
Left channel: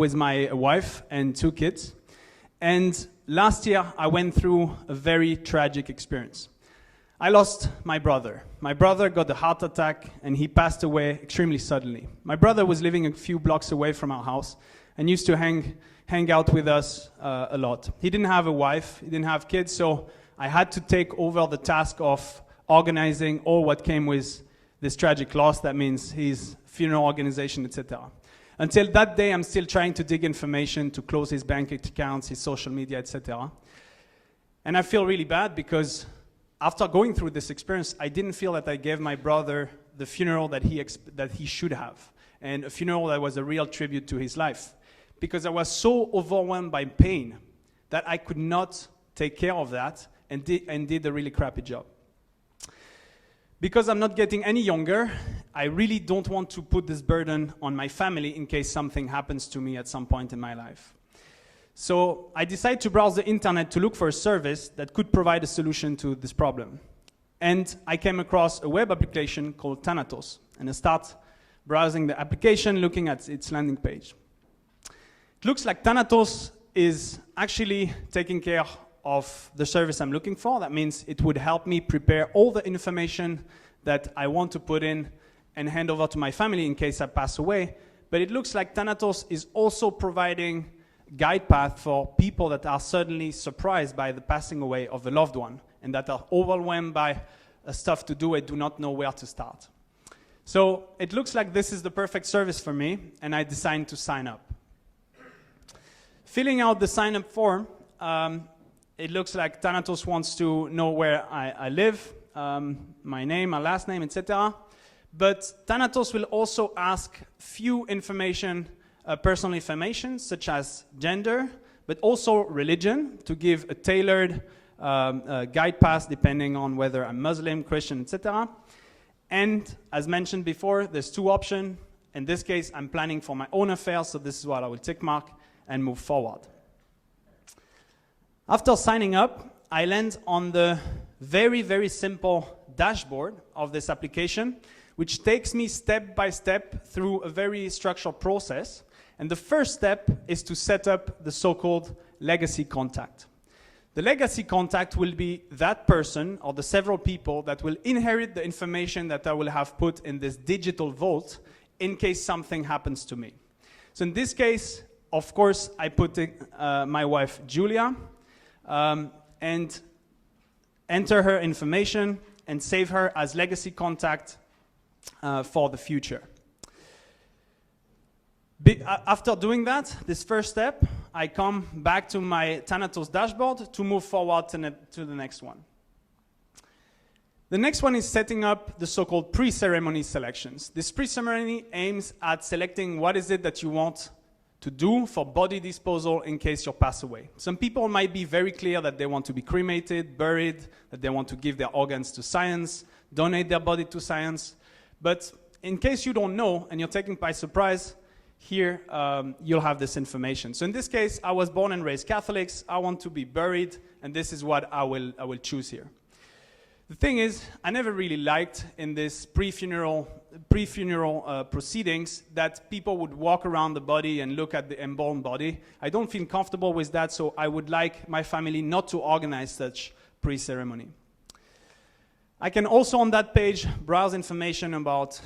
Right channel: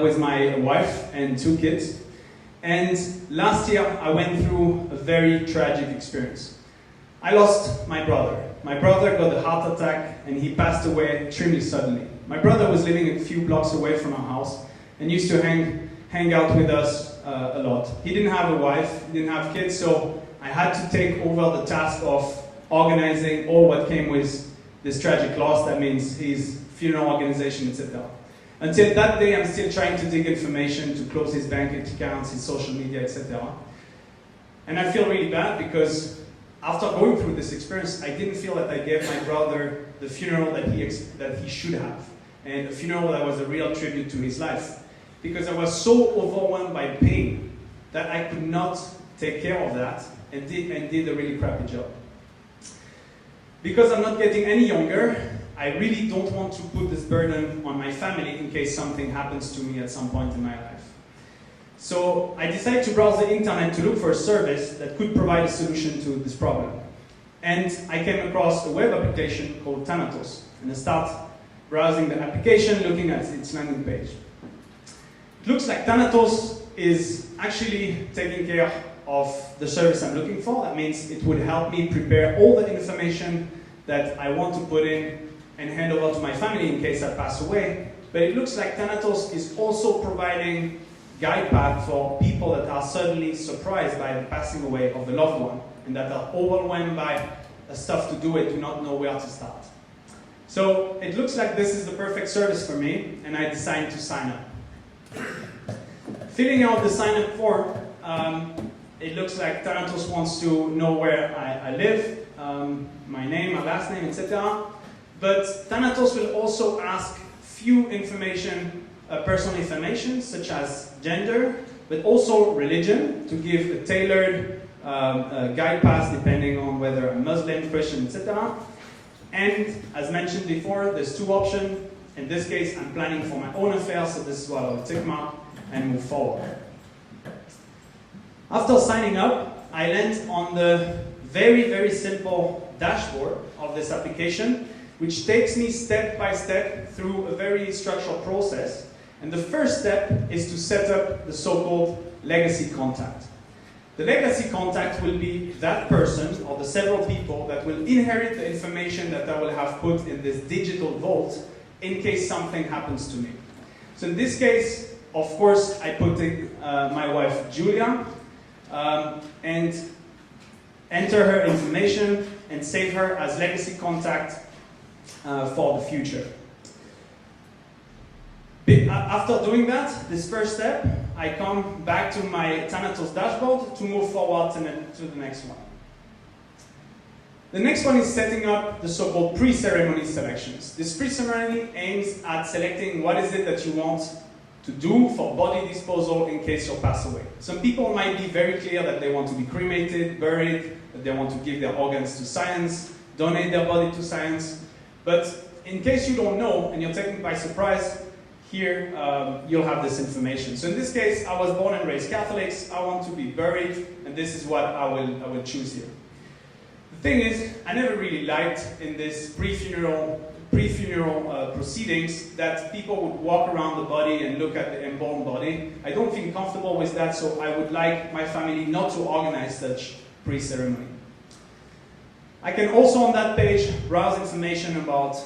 with my wife and 2 kids. And last year I went through a very tragic experience. I lost my brother. My brother got a heart attack and he passed away extremely suddenly. My brother was living a few blocks away from our house and used to hang out with us a lot. He didn't have a wife, he didn't have kids, so I had to take over the task of organizing all what came with this tragic loss. That means his funeral organization, etc. Until that day, I'm still trying to dig information to close his bank accounts, his social media, etc. And I feel really bad because after going through this experience, I didn't feel that I gave my brother the funeral that he should have, and a funeral that was a real tribute to his life. Because I was so overwhelmed by pain that I could not take care of that and did a really crappy job. Because I'm not getting any younger, I really don't want to put this burden on my family in case something happens to me at some point in my life. So I decided to browse the internet to look for a service that could provide a solution to this problem. And I came across a web application called Thanatos. And I start browsing the application, looking at its landing page. It looks like Thanatos is actually taking care of the service I'm looking for. That means it would help me prepare all the information that I want to put in and hand over to my family in case I pass away. But it looks like Thanatos is also providing guide path for people that are certainly surprised by the passing away of the loved one and that are overwhelmed by the stuff to do and do not know where to start. So it looks like this is the perfect service for me, and I decided to sign up. Filling out the sign-up form, it looks like Thanatos wants to know where I live, my name, my last name, etc. But Thanatos will also ask few personal information, such as gender, but also religion, to give a tailored guide path depending on whether I'm Muslim, Christian, etc. And as mentioned before, there's 2 options. In this case, I'm planning for my own affairs, so this is what I will tick mark and move forward. After signing up, I land on the very, very simple dashboard of this application, which takes me step by step through a very structured process. And the first step is to set up the so-called legacy contact. The legacy contact will be that person or the several people that will inherit the information that I will have put in this digital vault in case something happens to me. So in this case, of course, I put in my wife Julia and enter her information and save her as legacy contact for the future. After doing that, this first step, I come back to my Thanatos dashboard to move forward to the next one. The next one is setting up the so-called pre-ceremony selections. This pre-ceremony aims at selecting what is it that you want to do for body disposal in case you pass away. Some people might be very clear that they want to be cremated, buried, that they want to give their organs to science, donate their body to science. But in case you don't know and you're taken by surprise, here you'll have this information. So in this case, I was born and raised Catholics. I want to be buried, and this is what I will choose here. The thing is, I never really liked in this pre-funeral proceedings that people would walk around the body and look at the embalmed body. I don't feel comfortable with that, so I would like my family not to organize such pre-ceremony. I can also on that page browse information about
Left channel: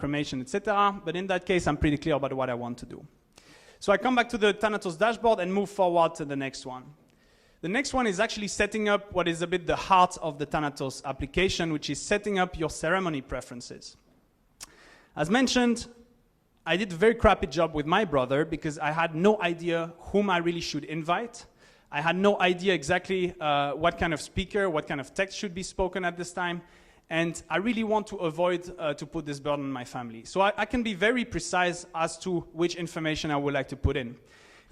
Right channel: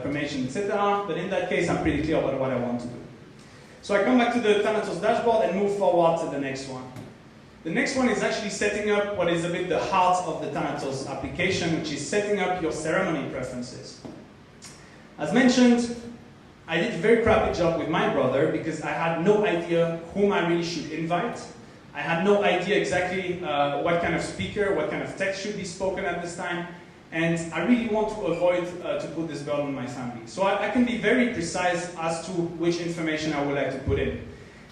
cremation, etc. But in that case, I'm pretty clear about what I want to do. So I come back to the Thanatos dashboard and move forward to the next one. The next one is actually setting up what is a bit the heart of the Thanatos application, which is setting up your ceremony preferences. As mentioned, I did a very crappy job with my brother because I had no idea whom I really should invite. I had no idea exactly what kind of speaker, what kind of text should be spoken at this time. And I really want to avoid to put this burden on my family. So I can be very precise as to which information I would like to put in.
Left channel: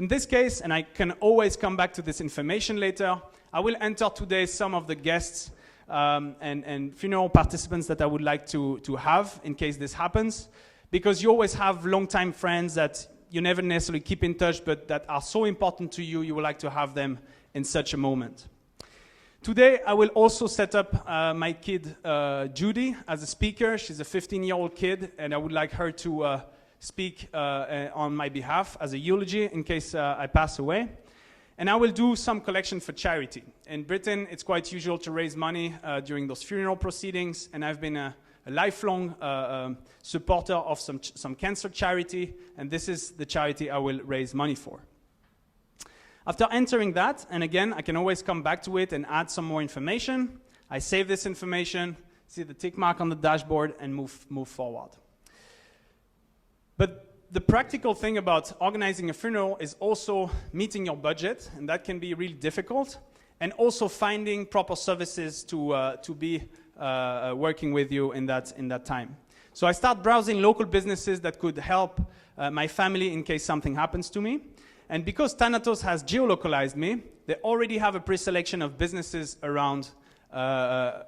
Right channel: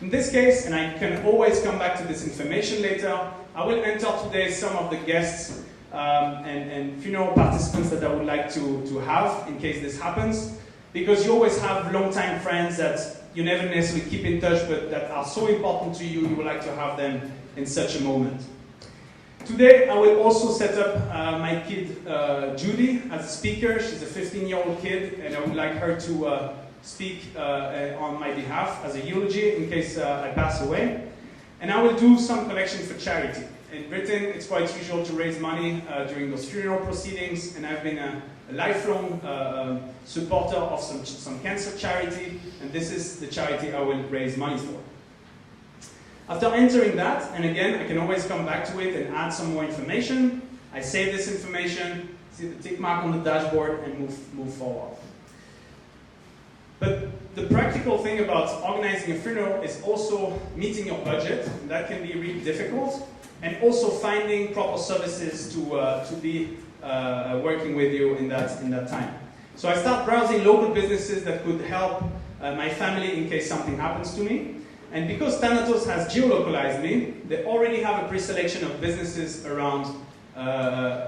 In this case, and I can always come back to this information later, I will enter today some of the guests and funeral participants that I would like to have in case this happens. Because you always have long-time friends that you never necessarily keep in touch, but that are so important to you, you would like to have them in such a moment. Today, I will also set up my kid, Judy, as a speaker. She's a 15-year-old kid, and I would like her to speak on my behalf as a eulogy in case I pass away. And I will do some collections for charity. In Britain, it's quite usual to raise money during those funeral proceedings, and I've been a lifelong supporter of some cancer charity, and this is the charity I will raise money for. After entering that, and again, I can always come back to it and add some more information. I save this information, see the tick mark on the dashboard, and move forward. But the practical thing about organizing a funeral is also meeting your budget, and that can be really difficult, and also finding proper services to be working with you in that time. So I start browsing local businesses that could help my family in case something happens to me. And because Thanatos has geolocalized me, they already have a pre-selection of businesses around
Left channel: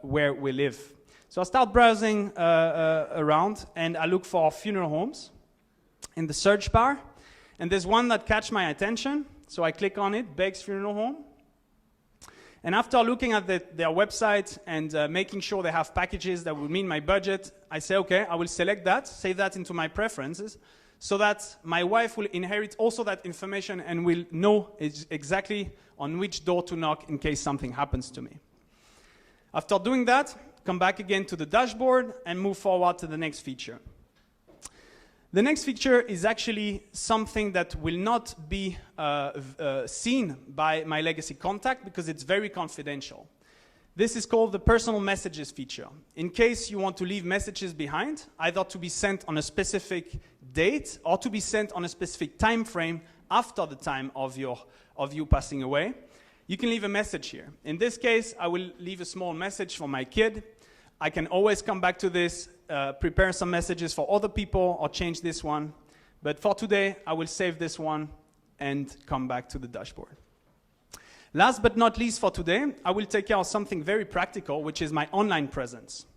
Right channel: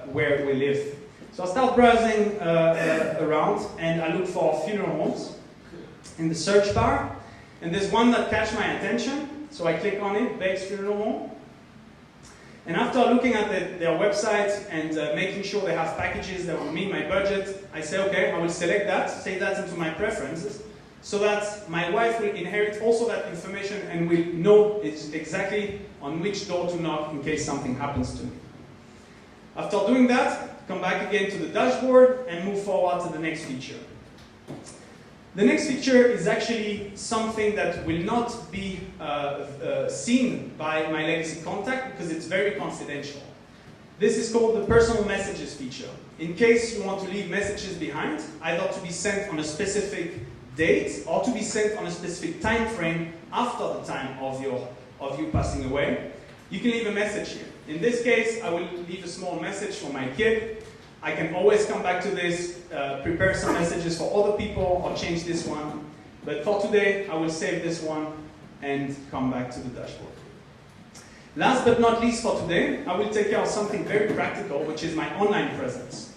where we live. So I start browsing around, and I look for funeral homes in the search bar. And there's one that catch my attention, so I click on it, Beggs Funeral Home. And after looking at their website and making sure they have packages that will meet my budget, I say, okay, I will select that, save that into my preferences, so that my wife will inherit also that information and will know exactly on which door to knock in case something happens to me. After doing that, come back again to the dashboard and move forward to the next feature. The next feature is actually something that will not be seen by my legacy contact because it's very confidential. This is called the personal messages feature. In case you want to leave messages behind, either to be sent on a specific date or to be sent on a specific time frame after the time of you passing away, you can leave a message here. In this case, I will leave a small message for my kid. I can always come back to this, prepare some messages for other people or change this one. But for today, I will save this one and come back to the dashboard. Last but not least for today, I will take care of something very practical, which is my online presence.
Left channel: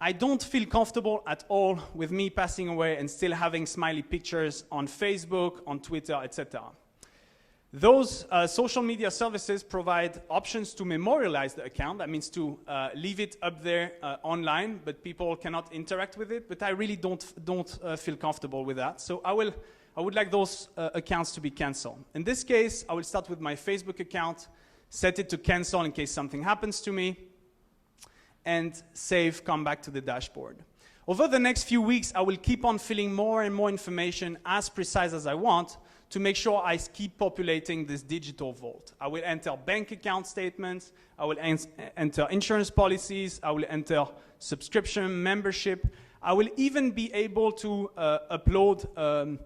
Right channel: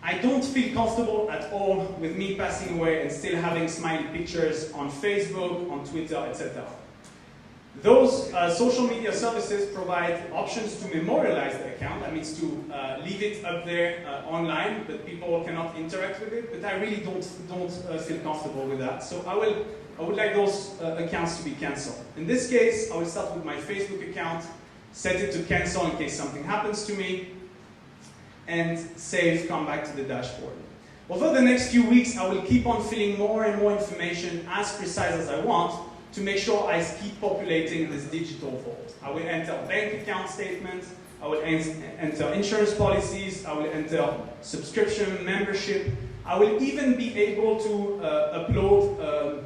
I don't feel comfortable at all with me passing away and still having smiley pictures on Facebook, on Twitter, etc. Those social media services provide options to memorialize the account. That means to leave it up there online, but people cannot interact with it. But I really don't feel comfortable with that. So I would like those accounts to be cancelled. In this case, I will start with my Facebook account, set it to cancel in case something happens to me, and save, come back to the dashboard. Over the next few weeks, I will keep on filling more and more information as precise as I want to make sure I keep populating this digital vault. I will enter bank account statements, I will enter insurance policies, I will enter subscription, membership. I will even be able to upload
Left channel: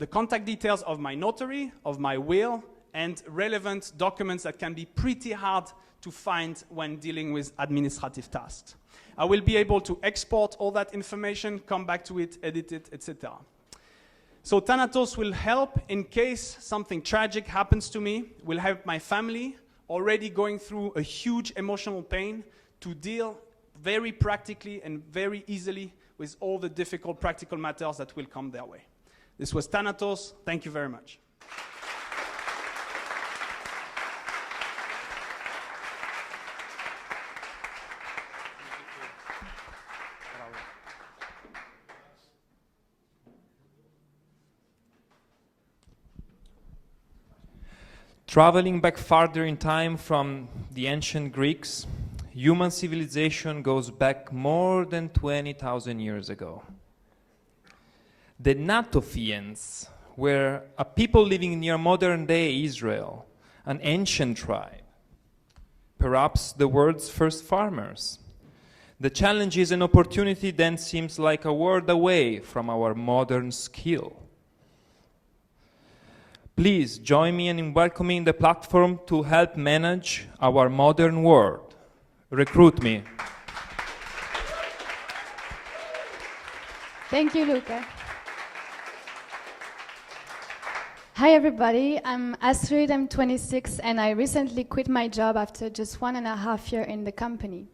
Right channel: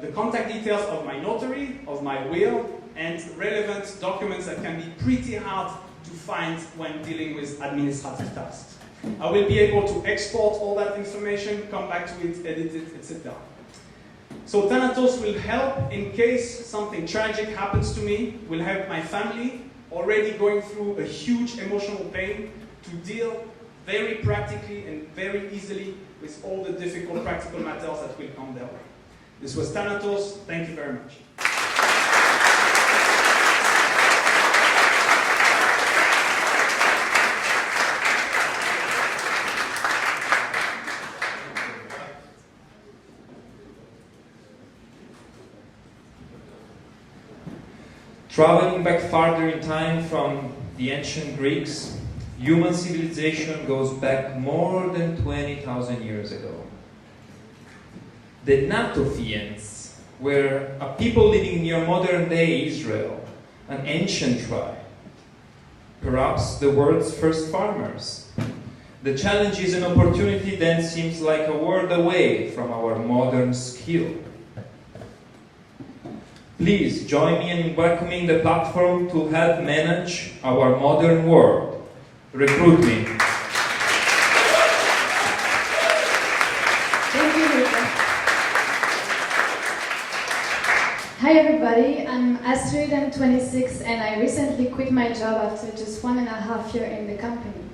the contact details of my notary, of my will, and relevant documents that can be pretty hard to find when dealing with administrative tasks. I will be able to export all that information, come back to it, edit it, etc. So Thanatos will help in case something tragic happens to me, will help my family already going through a huge emotional pain to deal very practically and very easily with all the difficult practical matters that will come their way. This was Thanatos. Thank you very much. Traveling back farther in time from the ancient Greeks, human civilization goes back more than 20,000 years ago. The Natophians were a people living near modern-day Israel, an ancient tribe, perhaps the world's first farmers. The challenges and opportunity then seems like a world away from our modern skill. Please join me in welcoming the platform to help manage our modern world, recruit me. Thank you, Luca. Hi everybody, I'm Astrid, I'm 26 and I recently quit my job after just 1.5 years in the company.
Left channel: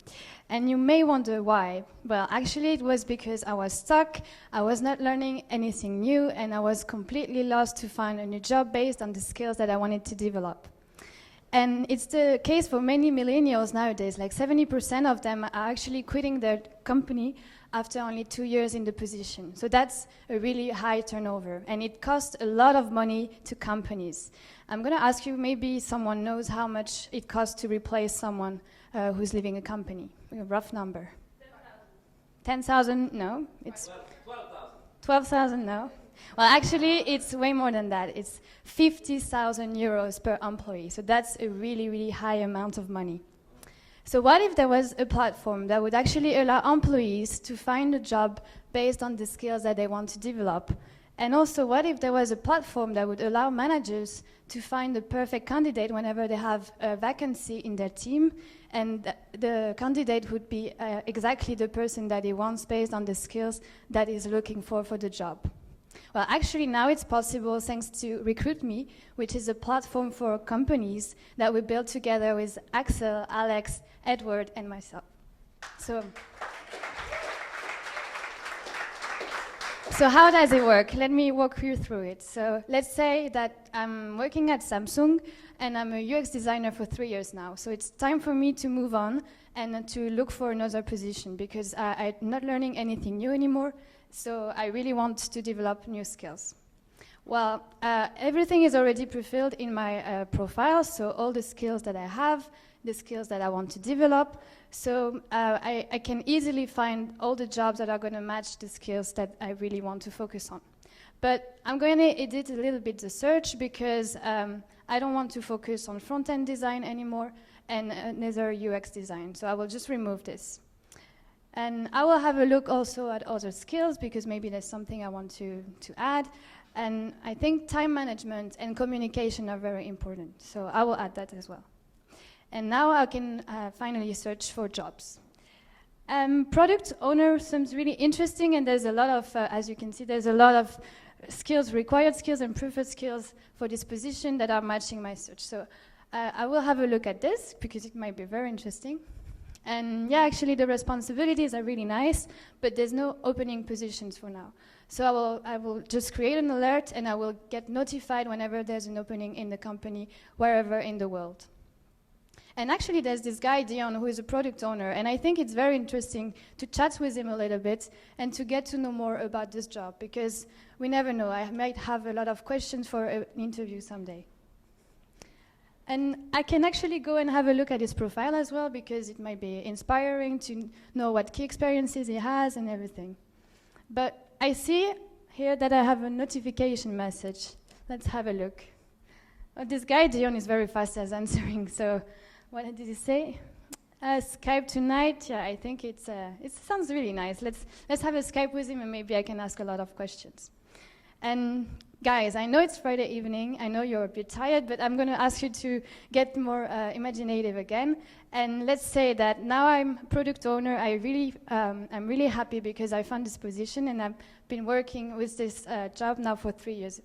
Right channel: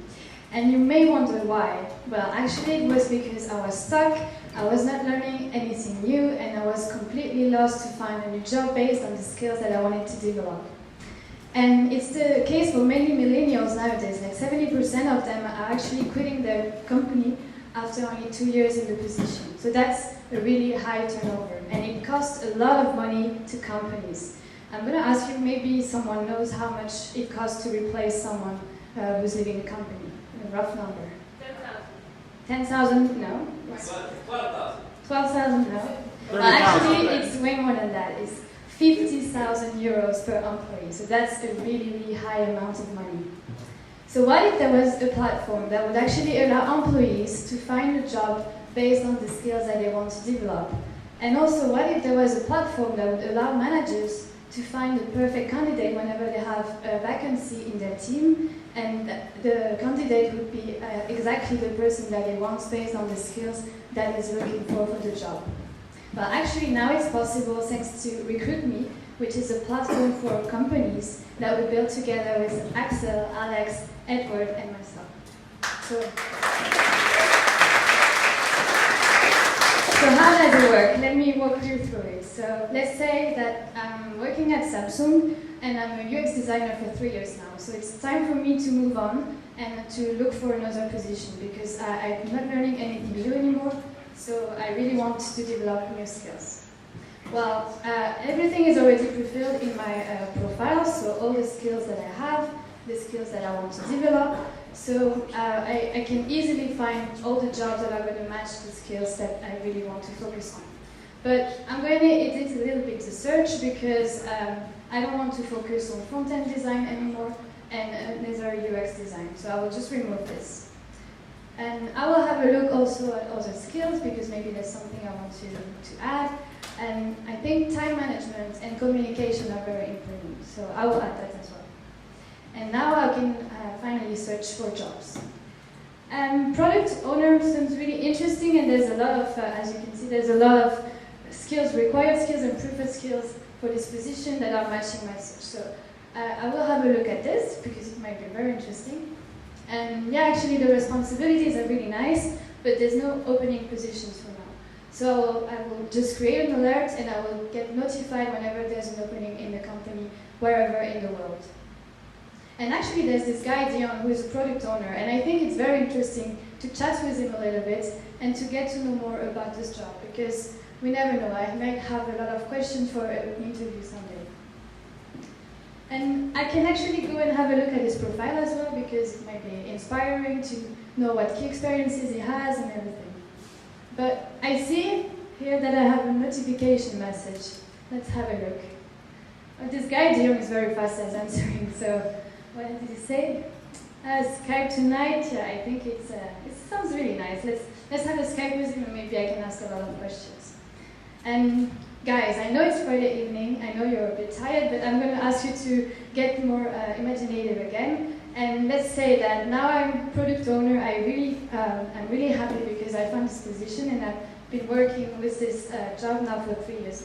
And you may wonder why. Well, actually it was because I was stuck, I was not learning anything new and I was completely lost to find a new job based on the skills that I wanted to develop. And it's the case for many millennials nowadays, like 70% of them are actually quitting their company after only 2 years in the position. So that's a really high turnover, and it costs a lot of money to companies. I'm going to ask you, maybe someone knows how much it costs to replace someone who's leaving a company. A rough number. 10,000? No. It's 12,000. 12,000? No. Well, actually, it's way more than that. It's 50,000 euros per employee. So that's a really, really high amount of money. So what if there was a platform that would actually allow employees to find a job based on the skills that they want to develop? And also, what if there was a platform that would allow managers to find the perfect candidate whenever they have a vacancy in their team, and the candidate would be exactly the person that they want based on the skills that is looking for the job? Well, actually now it's possible thanks to Recruit Me, which is a platform for companies that we built together with Axel, Alex, Edward, and myself. So how does it work? Let me walk you through it. So let's say that I'm working at Samsung and I'm a UX designer for 3 years now. So it's time for me to move on and to look for another position because I'm not learning anything new anymore. So I really want to develop new skills. Well, everything is already pre-filled in my profile, so all the skills that I have, the skills that I want to develop, so I can easily find all the jobs that are going to match the skills that I really want to focus on. But I'm going to edit a little bit the search because I don't want to focus on front-end design anymore and neither UX design, so I will just remove this. And I will have a look also at other skills because maybe there's something I want to add. And I think time management and communication are very important, so I will add that as well. And now I can finally search for jobs. Product owner sounds really interesting, and there's a lot of, as you can see, there's a lot of skills, required skills and preferred skills for this position that are matching my search. So I will have a look at this because it might be very interesting. And yeah, actually the responsibilities are really nice, but there's no opening positions for now. So I will just create an alert and I will get notified whenever there's an opening in the company, wherever in the world. And actually there's this guy, Dion, who is a product owner, and I think it's very interesting to chat with him a little bit and to get to know more about this job, because we never know, I might have a lot of questions for an interview someday. And I can actually go and have a look at his profile as well, because it might be inspiring to know what key experiences he has and everything. But I see here that I have a notification message. Let's have a look. Oh, this guy, Dion, is very fast at answering, so what did he say? Skype tonight, yeah, I think it sounds really nice. Let's have a Skype with him and maybe I can ask a lot of questions. And guys, I know it's Friday evening, I know you're a bit tired, but I'm going to ask you to get more imaginative again. And let's say that now I'm product owner, I'm really happy because I found this position and I've been working with this job now for 3 years.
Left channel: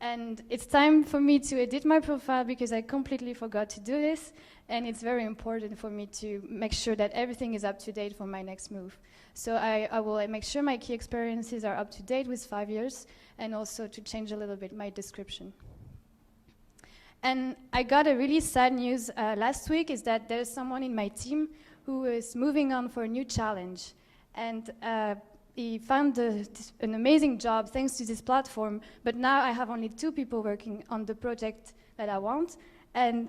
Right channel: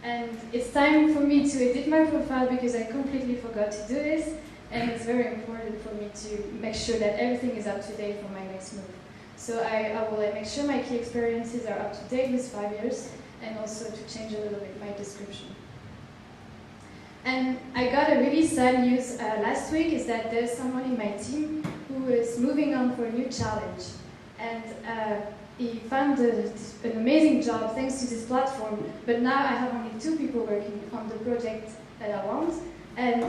And it's time for me to edit my profile because I completely forgot to do this, and it's very important for me to make sure that everything is up to date for my next move. So I will make sure my key experiences are up to date with 5 years, and also to change a little bit my description. And I got a really sad news last week, is that there's someone in my team who is moving on for a new challenge. And he found an amazing job thanks to this platform, but now I have only 2 people working on the project that I want. And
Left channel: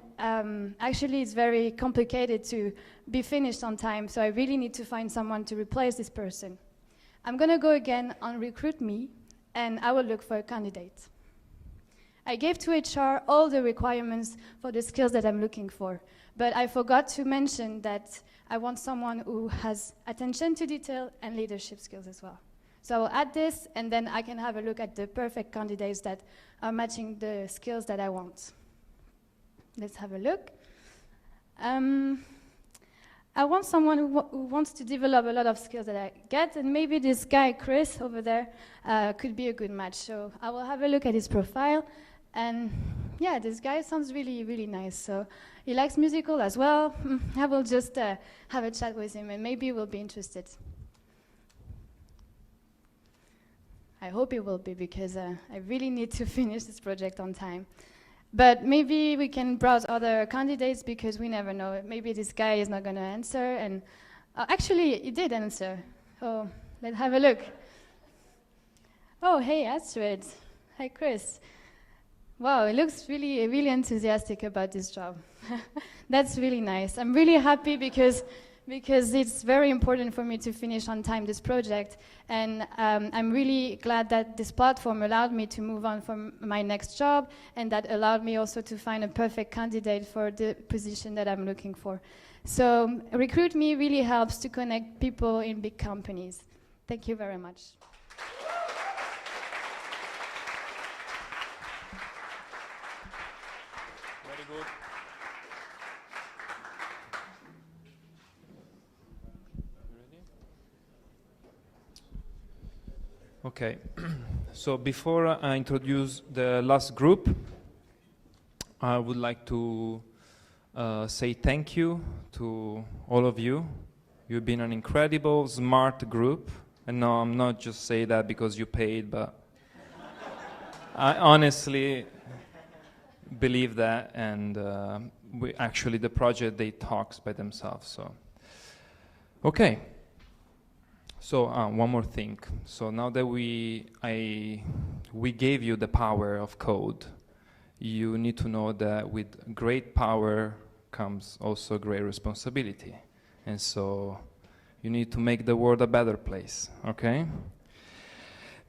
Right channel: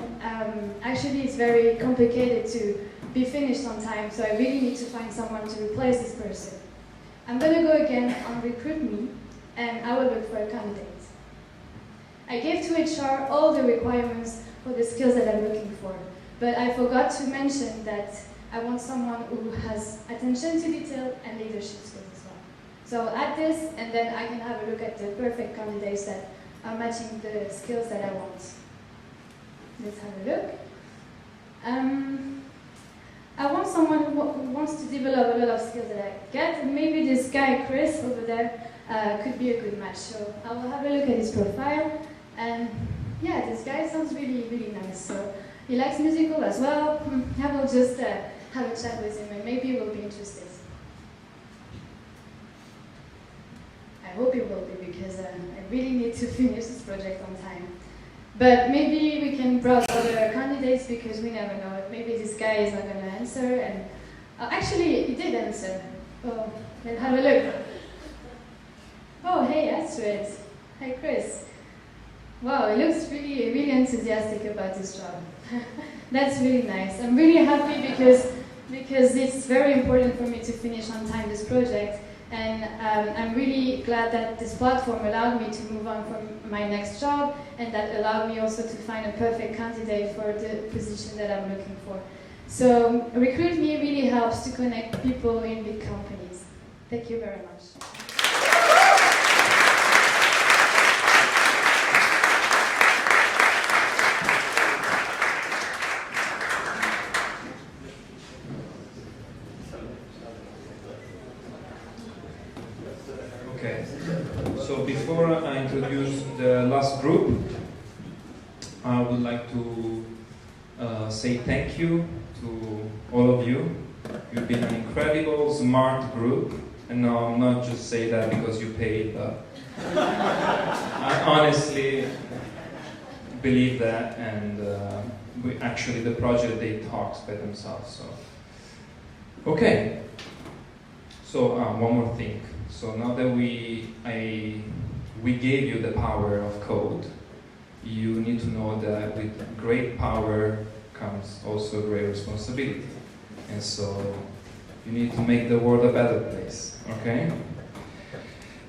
actually it's very complicated to be finished on time, so I really need to find someone to replace this person. I'm going to go again on Recruit Me, and I will look for a candidate. I gave to HR all the requirements for the skills that I'm looking for, but I forgot to mention that I want someone who has attention to detail and leadership skills as well. So I'll add this, and then I can have a look at the perfect candidates that are matching the skills that I want. Let's have a look. I want someone who wants to develop a lot of skills that I get, and maybe this guy, Chris, over there, could be a good match. So I will have a look at his profile, and yeah, this guy sounds really, really nice. So he likes musical as well. I will just have a chat with him, and maybe he will be interested. I hope he will be, because I really need to finish this project on time. But maybe we can browse other candidates, because we never know. Maybe this guy is not going to answer, and actually, he did answer. Oh, let's have a look. Oh, hey, Astrid. Hi, Chris. Wow, he looks really, really enthusiastic about this job. That's really nice. I'm really happy because it's very important for me to finish on time this project. And I'm really glad that this platform allowed me to move on from my next job, and that allowed me also to find a perfect candidate for the position that I'm looking for. So Recruit Me really helps to connect people in big companies. Thank you very much. Okay, so before I introduce the last group, I would like to say thank you to all of you. You've been an incredible, smart group, and no, I'm not just saying that because you paid, but I honestly believe that, and the project, they talks by themselves. So, okay. So one more thing. So now that we gave you the power of code, you need to know that with great power comes also great responsibility. And so you need to make the world a better place, okay?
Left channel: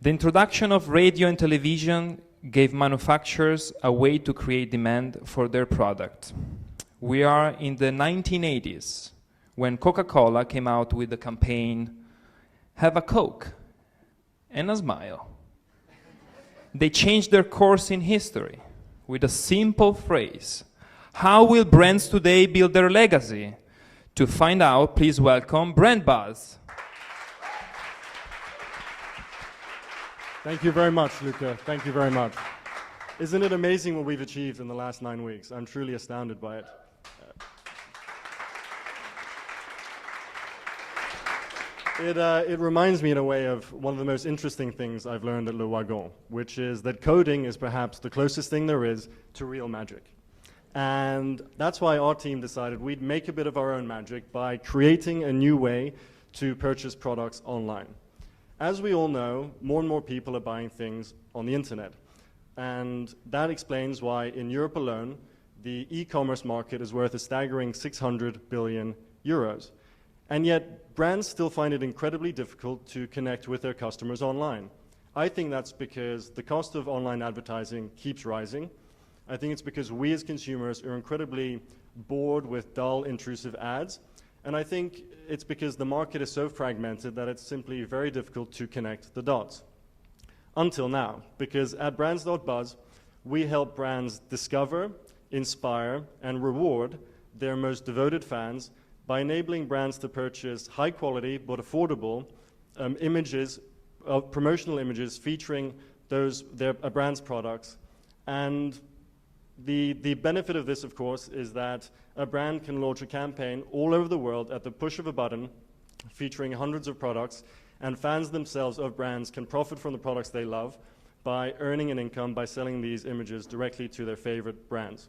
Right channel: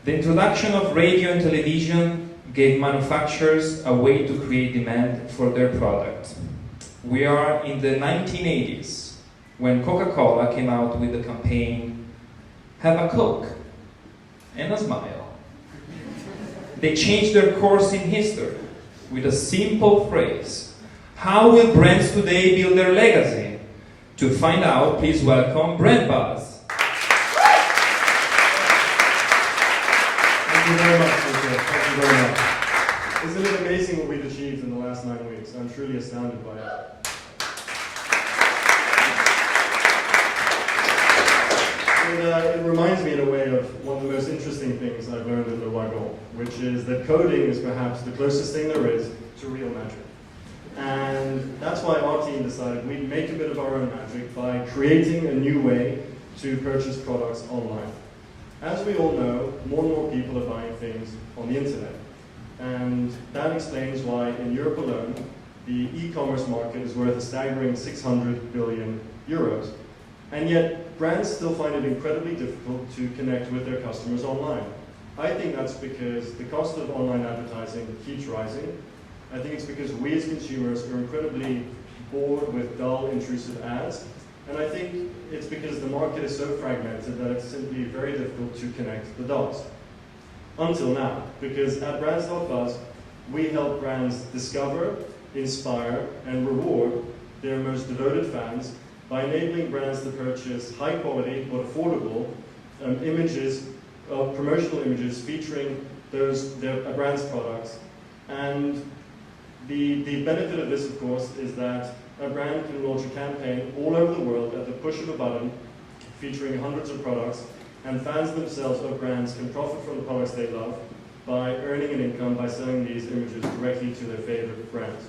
The introduction of radio and television gave manufacturers a way to create demand for their product. We are in the 1980s when Coca-Cola came out with the campaign, "Have a Coke and a smile." They changed their course in history with a simple phrase. How will brands today build their legacy? To find out, please welcome Brand Buzz. Thank you very much, Luca. Thank you very much. Isn't it amazing what we've achieved in the last 9 weeks? I'm truly astounded by it. It reminds me in a way of one of the most interesting things I've learned at the Wagon, which is that coding is perhaps the closest thing there is to real magic. And that's why our team decided we'd make a bit of our own magic by creating a new way to purchase products online. As we all know, more and more people are buying things on the internet. And that explains why in Europe alone, the e-commerce market is worth a staggering 600 billion euros. And yet, brands still find it incredibly difficult to connect with their customers online. I think that's because the cost of online advertising keeps rising. I think it's because we as consumers are incredibly bored with dull, intrusive ads. And I think it's because the market is so fragmented that it's simply very difficult to connect the dots. Until now, because at Brands.buzz, we help brands discover, inspire, and reward their most devoted fans by enabling brands to purchase high quality but affordable promotional images featuring their brand's products. And the benefit of this, of course, is that a brand can launch a campaign all over the world at the push of a button, featuring hundreds of products, and fans themselves of brands can profit from the products they love by earning an income by selling these images directly to their favorite brands.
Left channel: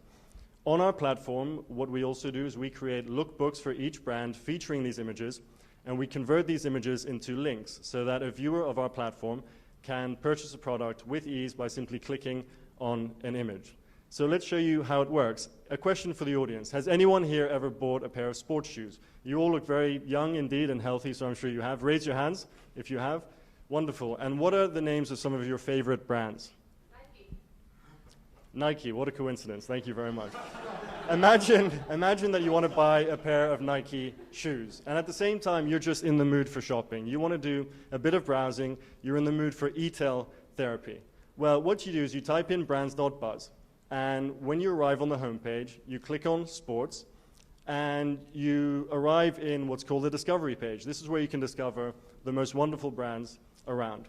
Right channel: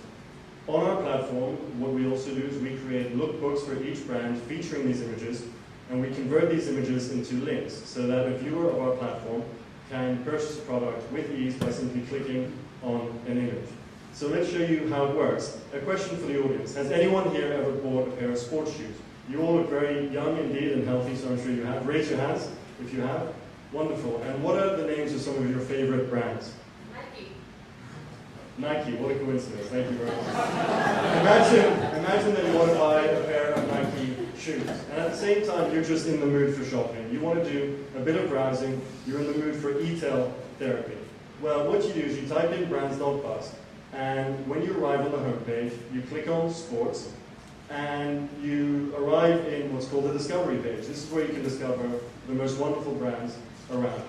On our platform, what we also do is we create lookbooks for each brand featuring these images, and we convert these images into links so that a viewer of our platform can purchase a product with ease by simply clicking on an image. So let's show you how it works. A question for the audience. Has anyone here ever bought a pair of sports shoes? You all look very young indeed and healthy, so I'm sure you have. Raise your hands if you have. Wonderful. And what are the names of some of your favorite brands? Nike, what a coincidence, thank you very much. Imagine that you want to buy a pair of Nike shoes, and at the same time you're just in the mood for shopping. You want to do a bit of browsing, you're in the mood for e-tail therapy. Well, what you do is you type in brands.buzz, and when you arrive on the homepage, you click on sports, and you arrive in what's called the discovery page. This is where you can discover the most wonderful brands around.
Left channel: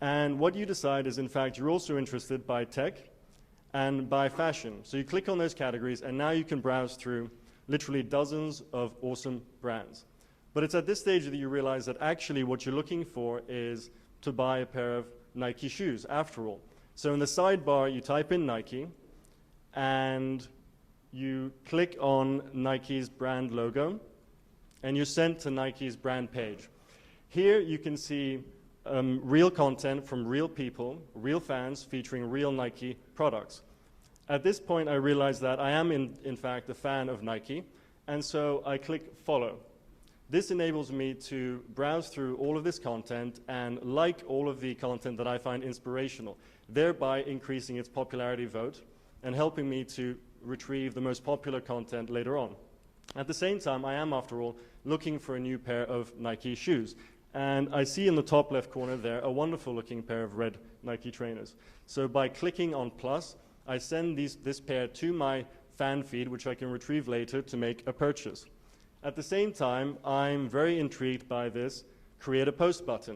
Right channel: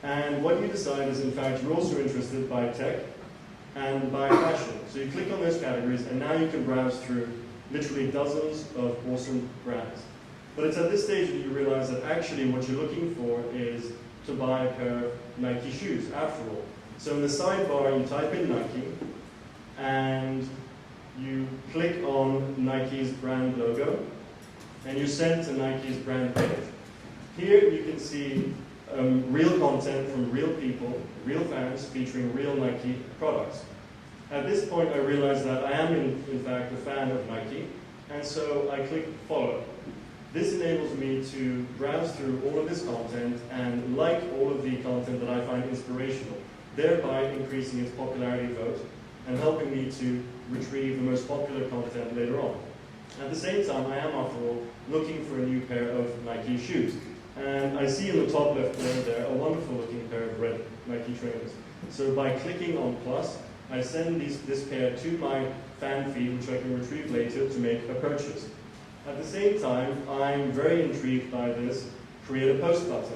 And what you decide is, in fact, you're also interested by tech and by fashion. So you click on those categories, and now you can browse through literally dozens of awesome brands. But it's at this stage that you realize that actually what you're looking for is to buy a pair of Nike shoes, after all. So in the sidebar, you type in Nike, and you click on Nike's brand logo, and you're sent to Nike's brand page. Here you can see real content from real people, real fans, featuring real Nike products. At this point, I realized that I am, in fact, a fan of Nike, and so I click follow. This enables me to browse through all of this content and like all of the content that I find inspirational, thereby increasing its popularity vote and helping me to retrieve the most popular content later on. At the same time, I am, after all, looking for a new pair of Nike shoes. And I see in the top left corner there a wonderful looking pair of red Nike trainers. So by clicking on plus, I send this pair to my fan feed, which I can retrieve later to make a purchase. At the same time, I'm very intrigued by this create a post button.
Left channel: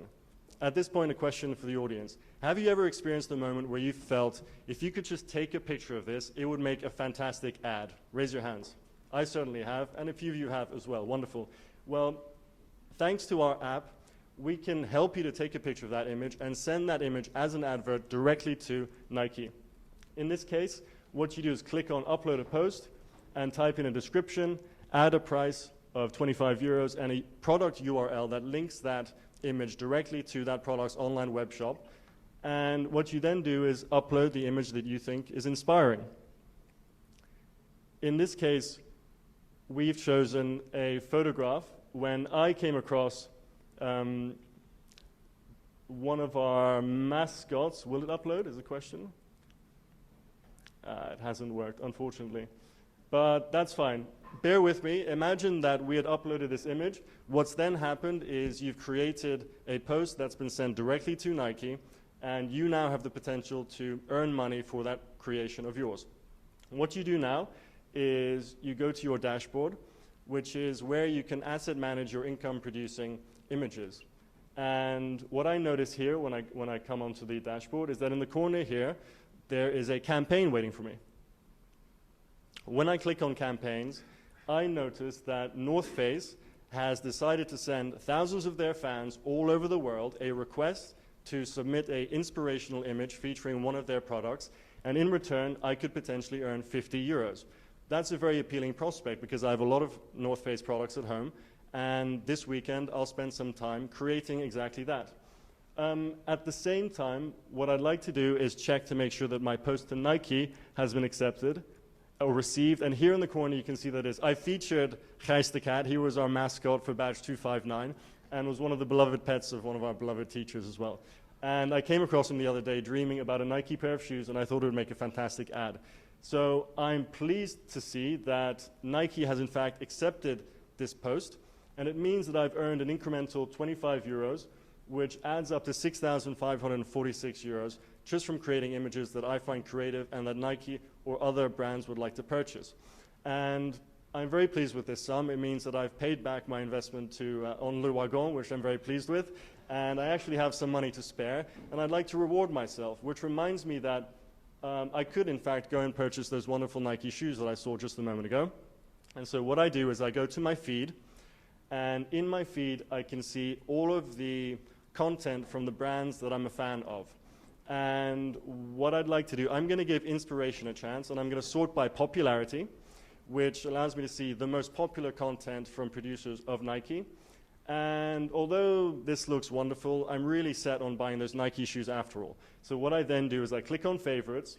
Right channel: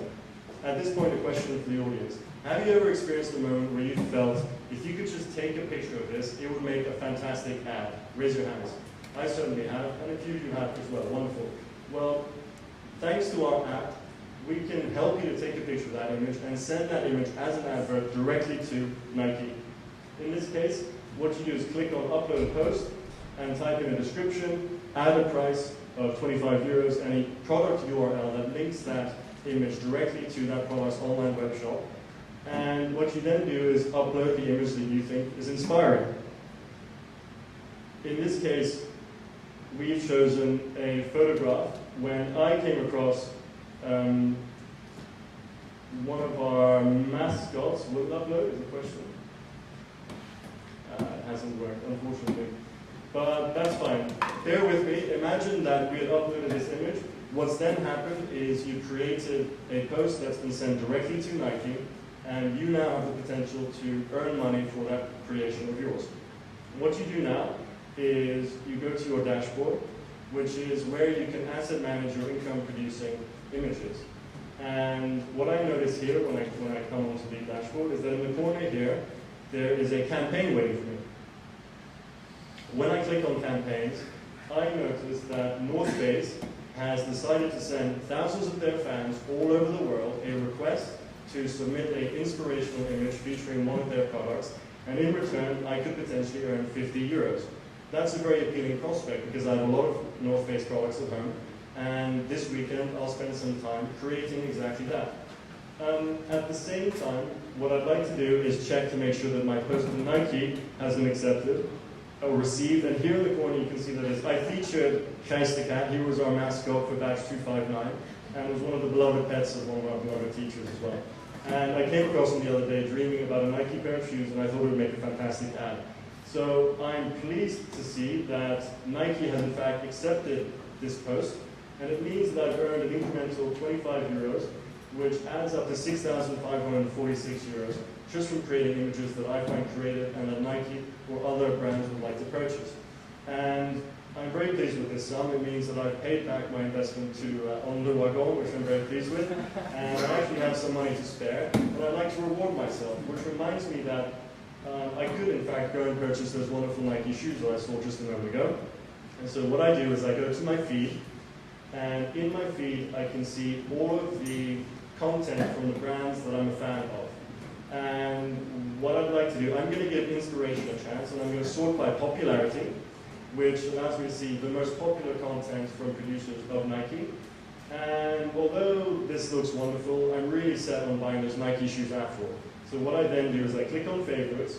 At this point, a question for the audience. Have you ever experienced a moment where you felt, if you could just take a picture of this, it would make a fantastic ad? Raise your hands. I certainly have, and a few of you have as well. Wonderful. Well, thanks to our app, we can help you to take a picture of that image and send that image as an advert directly to Nike. In this case, what you do is click on upload a post and type in a description, add a price of 25 euros and a product URL that links that image directly to that product's online web shop. And what you then do is upload the image that you think is inspiring. In this case, we've chosen a photograph. When I came across one of our mascots, will it upload is the question? It hasn't worked, unfortunately. But that's fine. Bear with me. Imagine that we had uploaded this image. What's then happened is you created a post that's been sent directly to Nike, and you now have the potential to earn money for that creation of yours. What you do now is you go to your dashboard, which is where you can asset manage your income producing images. And what I notice here when I come onto the dashboard is that in the corner here, there is a campaign waiting for me. When I click on campaigns, I notice that North Face has decided to send thousands of their fans all over the world a request to submit an inspirational image featuring one of their products, and in return, I could potentially earn 50 euros. That's a very appealing prospect because I have a lot of North Face products at home, and this weekend I'll spend some time creating exactly that. At the same time, what I'd like to do is check to make sure that my post to Nike has been accepted or received, and here in the corner you can see that is. I featured Gijs the cat. He was our mascot for batch 259 and was one of the beloved pets of one of our beloved teachers as well. And I came across him the other day dreaming about a Nike pair of shoes, and I thought it would make a fantastic ad. So I'm pleased to see that Nike has in fact accepted this post, and it means that I've earned an incremental 25 euros, which adds up to 6,546 euros just from creating images that I find creative and that Nike or other brands would like to purchase. And I'm very pleased with this sum. It means that I've paid back my investment on Le Wagon, which I'm very pleased with, and I actually have some money to spare, and I'd like to reward myself, which reminds me that I could in fact go and purchase those wonderful Nike shoes that I saw just a moment ago. And so what I do is I go to my feed, and in my feed I can see all of the content from the brands that I'm a fan of. And what I'd like to do, I'm going to give inspiration a chance, and I'm going to sort by popularity, which allows me to see the most popular content from producers of Nike. And although this looks wonderful, I'm really set on buying those Nike shoes after all. So what I then do is I click on favorites,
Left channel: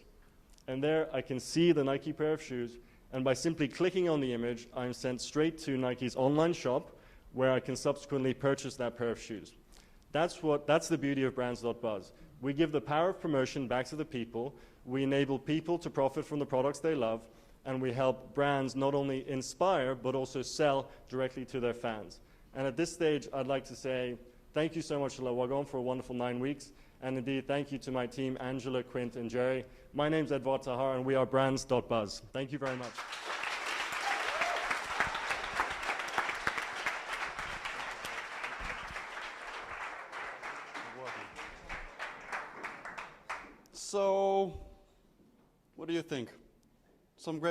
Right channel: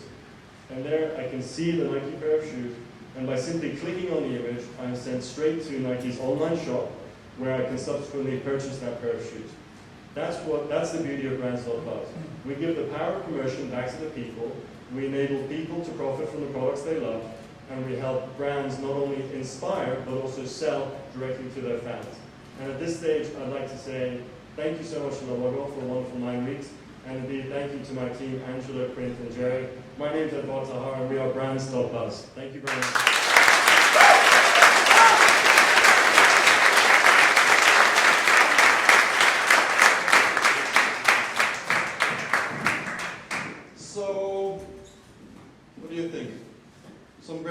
and there I can see the Nike pair of shoes, and by simply clicking on the image, I'm sent straight to Nike's online shop, where I can subsequently purchase that pair of shoes. That's the beauty of Brands.buzz. We give the power of promotion back to the people, we enable people to profit from the products they love, and we help brands not only inspire, but also sell directly to their fans. And at this stage, I'd like to say thank you so much to Le Wagon for a wonderful 9 weeks, and indeed thank you to my team, Angela, Quint, and Jerry. My name is Edouard Tahar, and we are Brands.buzz. Thank you very much.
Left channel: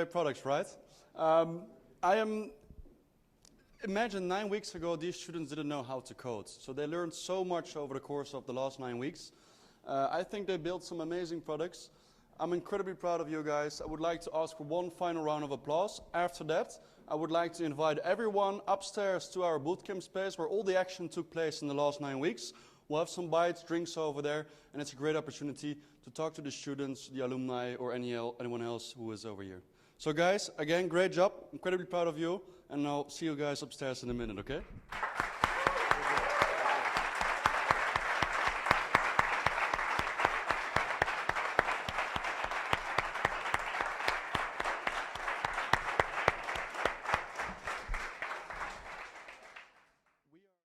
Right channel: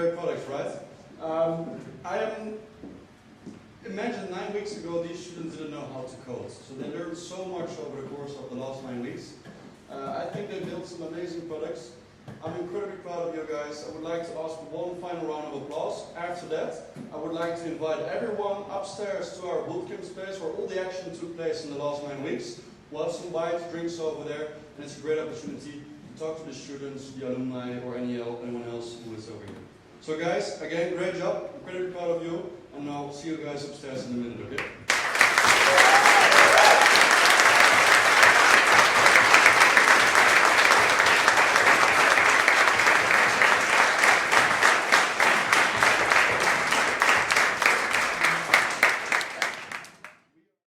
great products, right? Imagine 9 weeks ago these students didn't know how to code. So they learned so much over the course of the last 9 weeks. I think they built some amazing products. I'm incredibly proud of you guys. I would like to ask for one final round of applause. After that, I would like to invite everyone upstairs to our bootcamp space where all the action took place in the last 9 weeks. We'll have some bites, drinks over there, and it's a great opportunity to talk to the students, the alumni, or anyone else who is over here. So guys, again, great job. Incredibly proud of you. And now see you guys upstairs in a minute, okay?